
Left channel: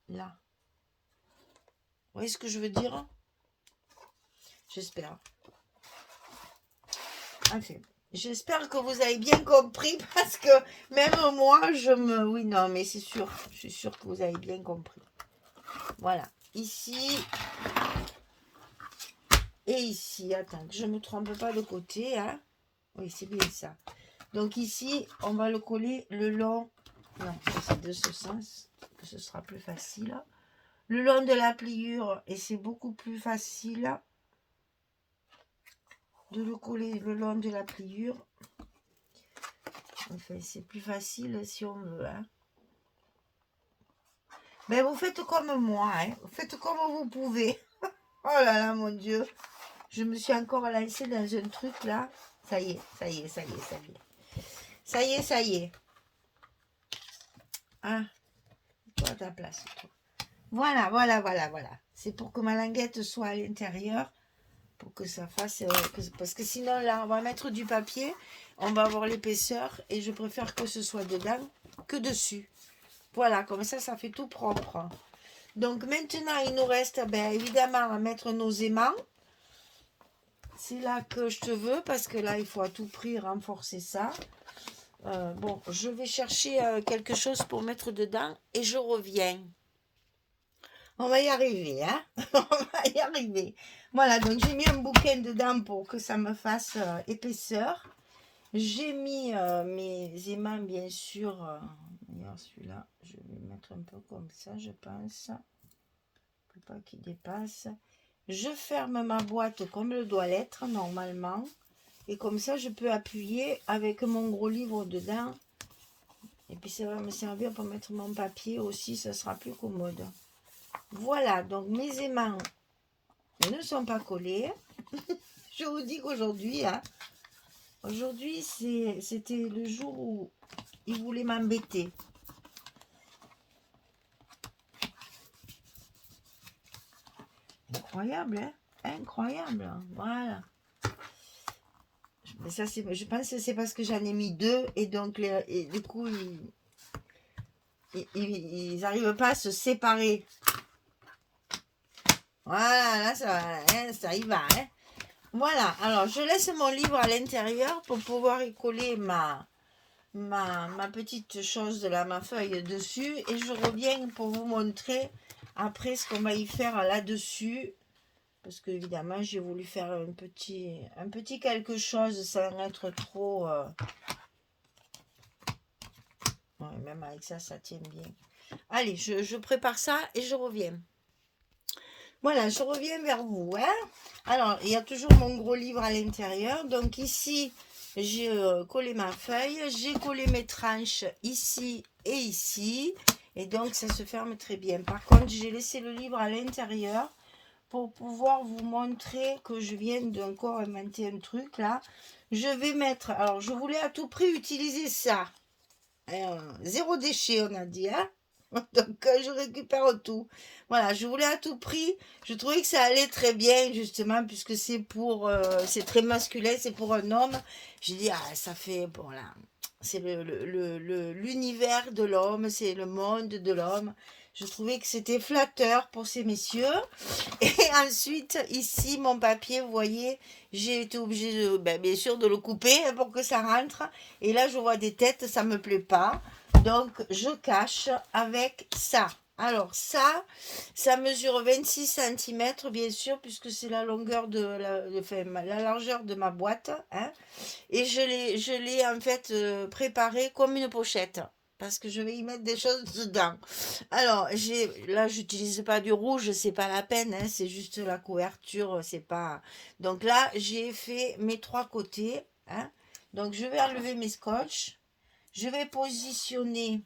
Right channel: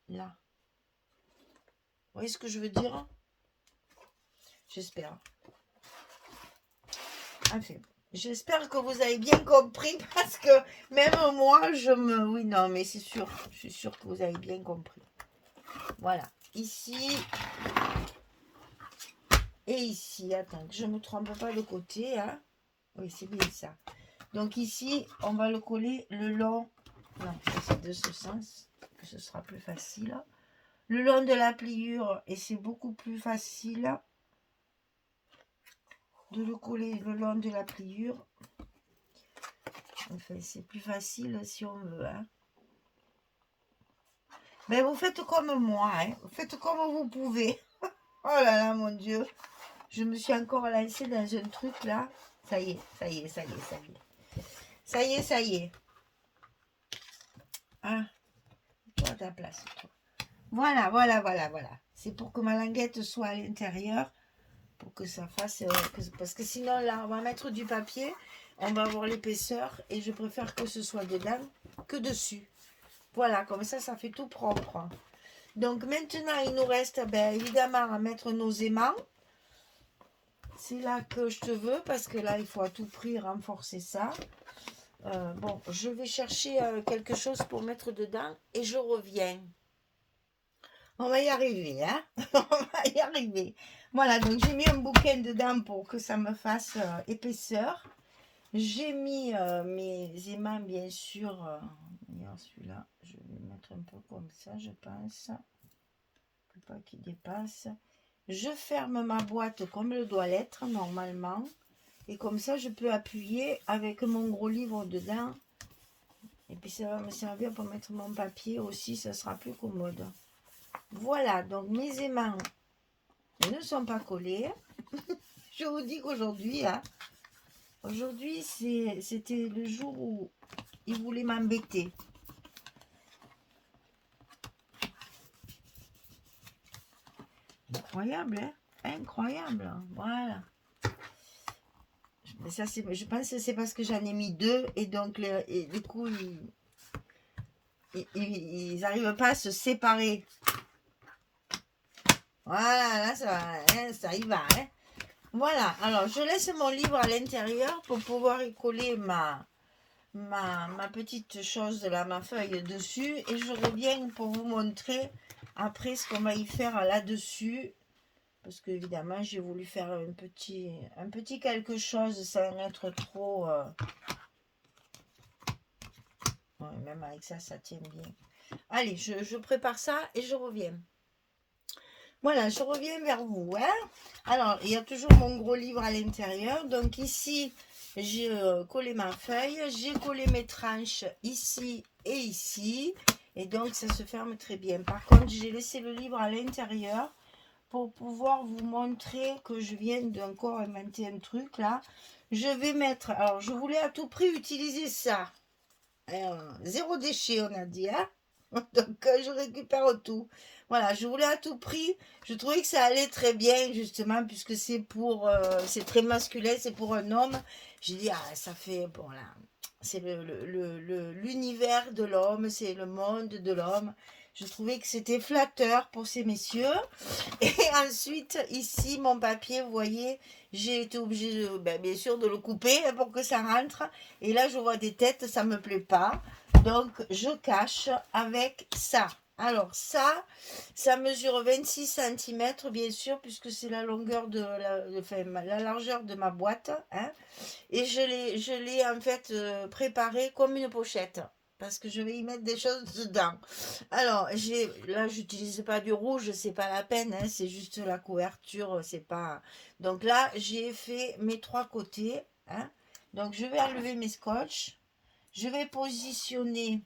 Là. Vous voyez ce que je veux dire? J'espère. Enfin, j'espère que vous avez bien compris parce que même moi, Oui, non, mais c'est sûr. Je suis sûre que vous avez bien compris. Voilà. Ici. Et ici. Attends, que je ne me trompe pas de côté. Hein. Oui, c'est bien ça. Donc ici, on va le coller le long. Non, ça c'est de ce sens. Ce sera plus facile. Le long de la pliure, et c'est beaucoup plus facile de le coller le long de la pliure. Enfin, c'est plus facile si on veut. Hein. Mais vous faites comme moi. Hein. Vous faites comme vous pouvez. Oh là là, mon Dieu. Je me suis encore lancée dans un truc là. Ça y est, ça y est, ça y est, ça y est. Ça y est, ça y est. Hein, toi à ta place. Toi. Voilà, voilà, voilà, voilà. C'est pour que ma languette soit à l'intérieur. Pour que ça fasse... parce que sinon, là, on va mettre du papier. On va avoir l'épaisseur. Et je préfère que ce soit dedans que dessus. Voilà, comme ça fait tout propre. Donc, maintenant, il nous reste, ben, évidemment, à mettre nos aimants. C'est là que je te veux. Parce que là, il faut à tout prix renforcer ça. Bon, je vais chercher quelque chose pour mettre dedans. Et je reviens. On va y arriver, hein. On va y arriver. Voilà, donc j'ai mis un bouquin dedans pour que ça me fasse épaisseur. J'ai mis mes aimants, bien sûr. Celui-là, je vais le mettre un peu comme ça, je pense. Pour pas qu'il dépasse. Je ferme ma boîte comme elle doit l'être, normalement. Et comme ça, je peux appuyer avec mon gros livre dedans. Et puis, ça va me servir pour mettre mon papier aussi, ça sera plus commode. Voilà, donc mes aimants ne sont pas collés. Je vous dis qu'aujourd'hui, hein, aujourd'hui, c'était le jour où il voulait m'embêter. Incroyable, hein? Incroyable, voilà. Mais ça, je pense que c'est parce que j'en ai mis deux et donc, et du coup, ils n'arrivent pas à se séparer. Voilà, là, ça y va, hein. Voilà, alors je laisse mon livre à l'intérieur pour pouvoir y coller ma petite chose de ma feuille dessus et je reviens pour vous montrer après ce qu'on va y faire là-dessus parce que évidemment j'ai voulu faire un petit quelque chose sans être trop ouais, même avec ça tient bien. Allez, je prépare ça et je reviens. Voilà, je reviens vers vous. Hein. Alors, il y a toujours mon gros livre à l'intérieur. Donc ici, j'ai collé ma feuille. J'ai collé mes tranches ici et ici. Et donc, ça se ferme très bien. Par contre, j'ai laissé le livre à l'intérieur pour pouvoir vous montrer que je viens d'encore inventer un truc là. Je vais mettre... Alors, je voulais à tout prix utiliser ça. Zéro déchet, on a dit. Hein. Donc, je récupère tout. Voilà, je voulais à tout prix. Je trouvais que ça allait très bien, justement, puisque c'est pour... c'est très masculin, c'est pour un homme. J'ai dit, ah, ça fait... Bon, là, c'est l'univers de l'homme, c'est le monde de l'homme. Je trouvais que c'était flatteur pour ces messieurs. Et ensuite, ici, mon papier, vous voyez, j'ai été obligée, bien sûr, de le couper pour que ça rentre. Et là, je vois des têtes, ça ne me plaît pas. Donc, je cache avec ça. Alors, ça mesure 26 cm, bien sûr, puisque c'est la longueur la largeur de ma boîte. Hein, et je l'ai en fait préparé comme une pochette. Parce que je vais y mettre des choses dedans. Alors, là, j'utilise pas du rouge, c'est pas la peine, hein, c'est juste la couverture, c'est pas... Donc là, j'ai fait mes trois côtés. Hein, donc, je vais enlever mes scotch. Je vais positionner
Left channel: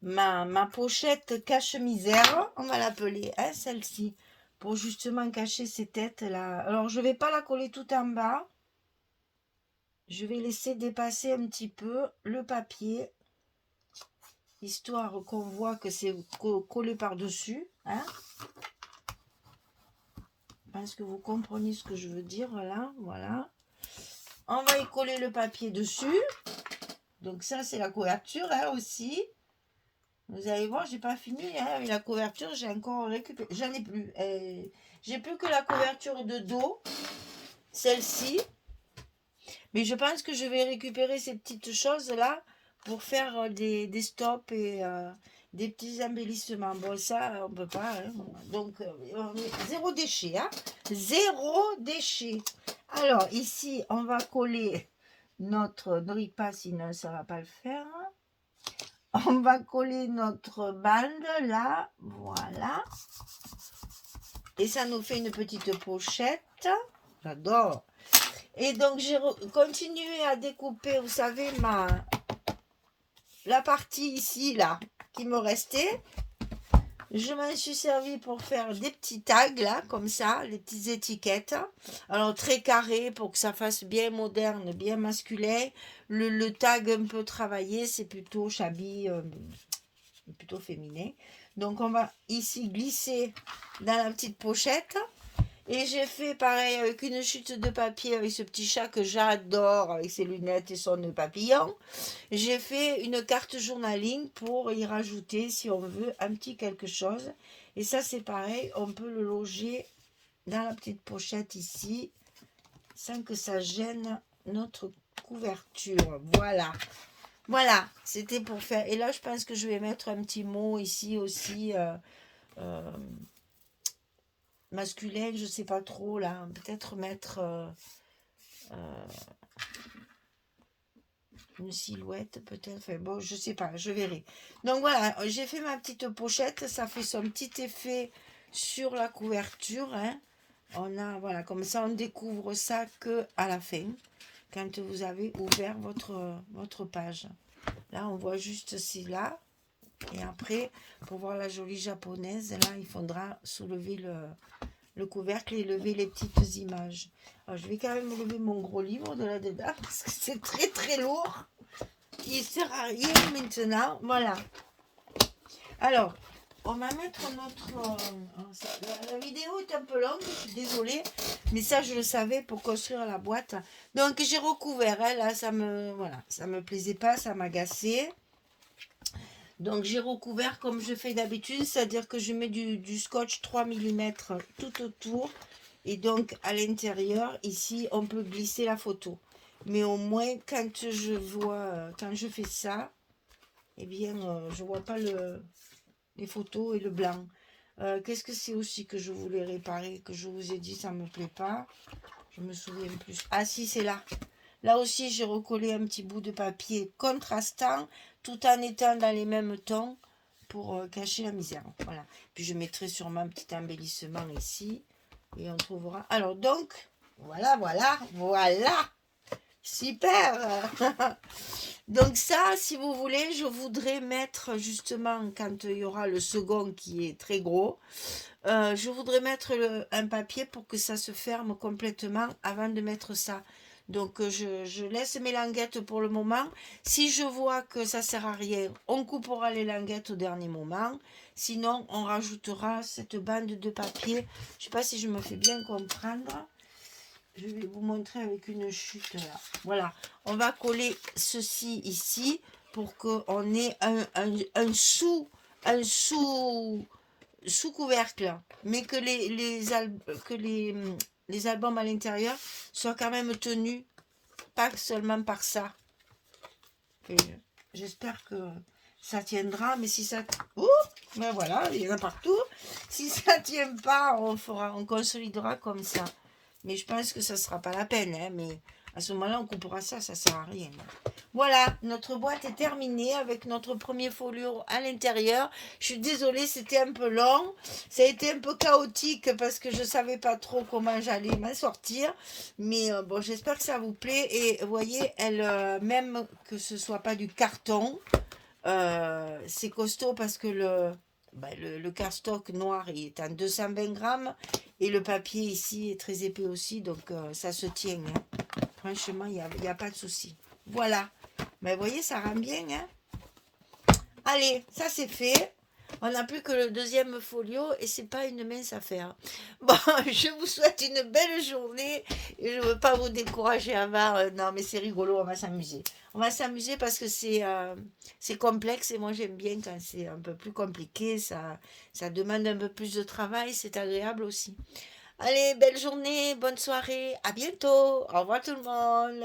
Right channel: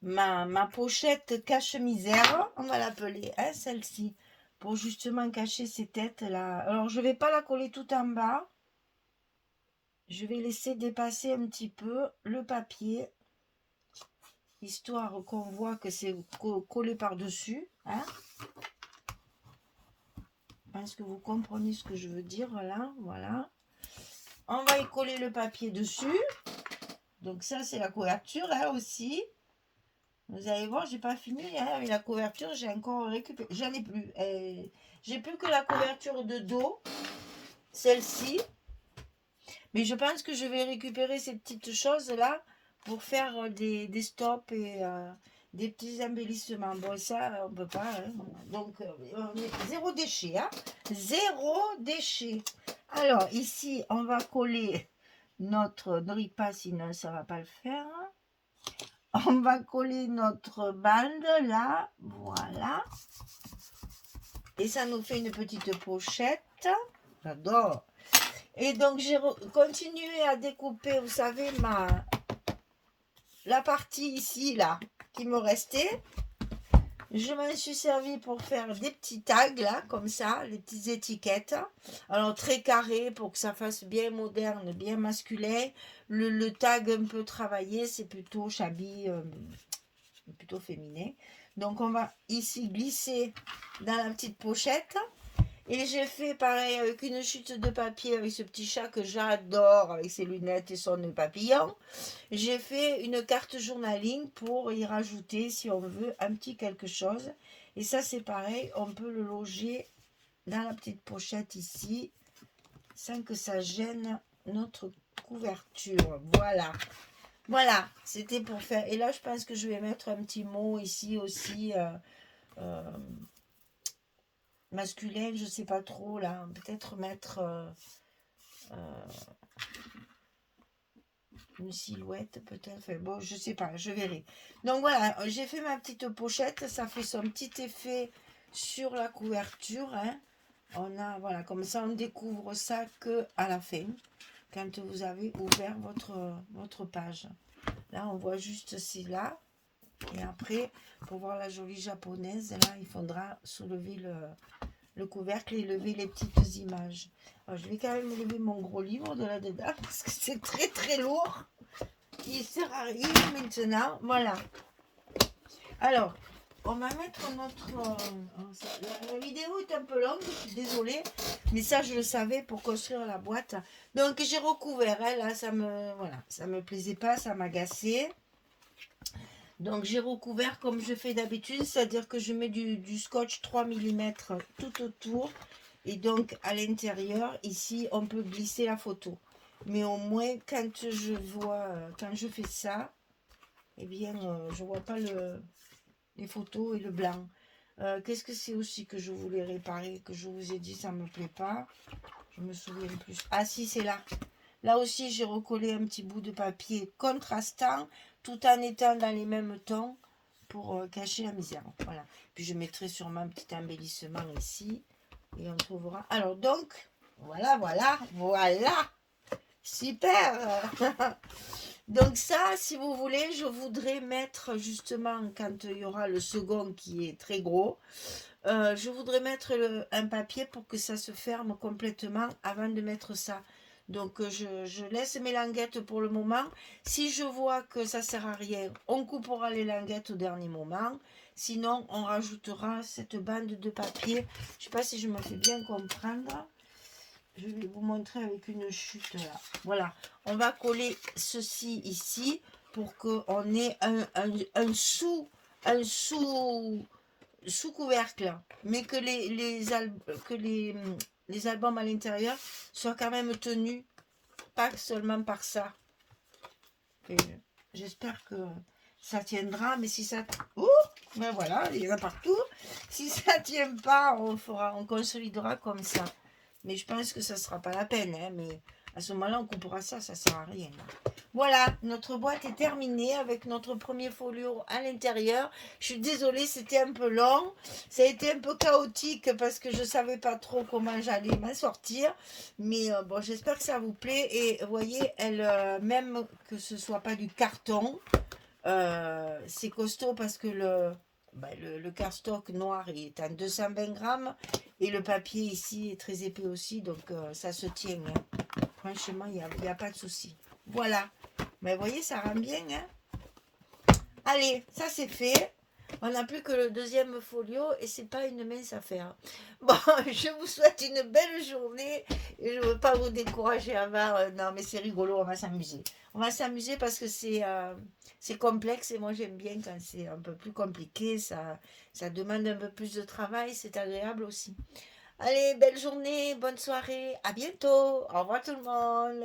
ma pochette cache-misère, on va l'appeler, hein, celle-ci, pour justement cacher ces têtes-là. Alors, je ne vais pas la coller tout en bas. Je vais laisser dépasser un petit peu le papier, histoire qu'on voit que c'est collé par-dessus. Hein. Je pense que vous comprenez ce que je veux dire, là, voilà. On va y coller le papier dessus. Donc ça, c'est la couverture, hein, aussi. Vous allez voir, j'ai pas fini hein, avec la couverture, j'ai encore récupéré. J'en ai plus. J'ai plus que la couverture de dos, celle-ci. Mais je pense que je vais récupérer ces petites choses-là pour faire des stops et des petits embellissements. Bon, ça, on peut pas. Hein. Donc, zéro déchet. Hein. Zéro déchet. Alors, ici, on va coller notre... Ne ris pas, sinon ça va pas le faire. On va coller notre bande là, voilà. Et ça nous fait une petite pochette. J'adore. Et donc j'ai continué à découper, vous savez, la partie ici, là, qui me restait. Je m'en suis servi pour faire des petits tags, là, comme ça, les petites étiquettes. Alors, très carré pour que ça fasse bien moderne, bien masculin. Le tag un peu travaillé, c'est plutôt shabby, plutôt féminin. Donc, on va ici glisser dans la petite pochette. Et j'ai fait pareil avec une chute de papier avec ce petit chat que j'adore, avec ses lunettes et son nœud papillon. J'ai fait une carte journaling pour y rajouter, si on veut, un petit quelque chose. Et ça, c'est pareil, on peut le loger dans la petite pochette ici, sans que ça gêne notre couverture. Voilà. Voilà, c'était pour faire. Et là, je pense que je vais mettre un petit mot ici aussi. Masculin, je sais pas trop là. Peut-être mettre une silhouette, peut-être. Enfin, bon, je sais pas, je verrai. Donc voilà, j'ai fait ma petite pochette. Ça fait son petit effet sur la couverture. Hein. On a, voilà, comme ça, on découvre ça que à la fin, quand vous avez ouvert votre page. Là, on voit juste celle-là. Et après, pour voir la jolie japonaise, là, il faudra soulever le couvercle et lever les petites images. Alors, je vais quand même lever mon gros livre de là-dedans parce que c'est très très lourd. Il ne sert à rien maintenant. Voilà. Alors, on va mettre notre... la vidéo est un peu longue, je suis désolée. Mais ça, je le savais pour construire la boîte. Donc, j'ai recouvert. Hein, là, ça me plaisait pas, ça m'agaçait. Donc j'ai recouvert comme je fais d'habitude, c'est-à-dire que je mets du scotch 3 mm tout autour. Et donc à l'intérieur, ici, on peut glisser la photo. Mais au moins, quand je fais ça, eh bien, je vois pas les photos et le blanc. Qu'est-ce que c'est aussi que je voulais réparer, que je vous ai dit, ça me plaît pas. Je me souviens plus. Ah si, c'est là. Là aussi, j'ai recollé un petit bout de papier contrastant tout en étant dans les mêmes tons pour cacher la misère. Voilà. Puis je mettrai sûrement un petit embellissement ici et on trouvera. Alors donc, voilà. Super. Donc ça, si vous voulez, je voudrais mettre justement quand il y aura le second qui est très gros, je voudrais mettre un papier pour que ça se ferme complètement avant de mettre ça. Donc je laisse mes languettes pour le moment. Si je vois que ça sert à rien, on coupera les languettes au dernier moment. Sinon, on rajoutera cette bande de papier. Je ne sais pas si je me fais bien comprendre. Je vais vous montrer avec une chute là. Voilà. On va coller ceci ici pour qu'on ait un sous-couvercle, mais que les albums à l'intérieur soient quand même tenus, pas seulement par ça. J'espère que ça tiendra, mais si ça... Ouh, ben voilà, il y en a partout. Si ça tient pas, on consolidera comme ça. Mais je pense que ça sera pas la peine, hein, mais à ce moment-là, on coupera ça, ça sert à rien. Voilà, notre boîte est terminée avec notre premier folio à l'intérieur. Je suis désolée, c'était un peu long. Ça a été un peu chaotique parce que je ne savais pas trop comment j'allais m'en sortir. Mais bon, j'espère que ça vous plaît. Et vous voyez, même que ce ne soit pas du carton, c'est costaud parce que le cardstock noir il est en 220 grammes et le papier ici est très épais aussi, donc ça se tient. Hein. Franchement, il n'y a pas de souci. Voilà. Mais vous voyez, ça rend bien. Hein. Allez, ça c'est fait. On n'a plus que le deuxième folio et c'est pas une mince affaire. Bon, je vous souhaite une belle journée. Et je ne veux pas vous décourager avant. Non, mais c'est rigolo, on va s'amuser. On va s'amuser parce que c'est complexe et moi j'aime bien quand c'est un peu plus compliqué. Ça demande un peu plus de travail, c'est agréable aussi. Allez, belle journée, bonne soirée, à bientôt. Au revoir tout le monde.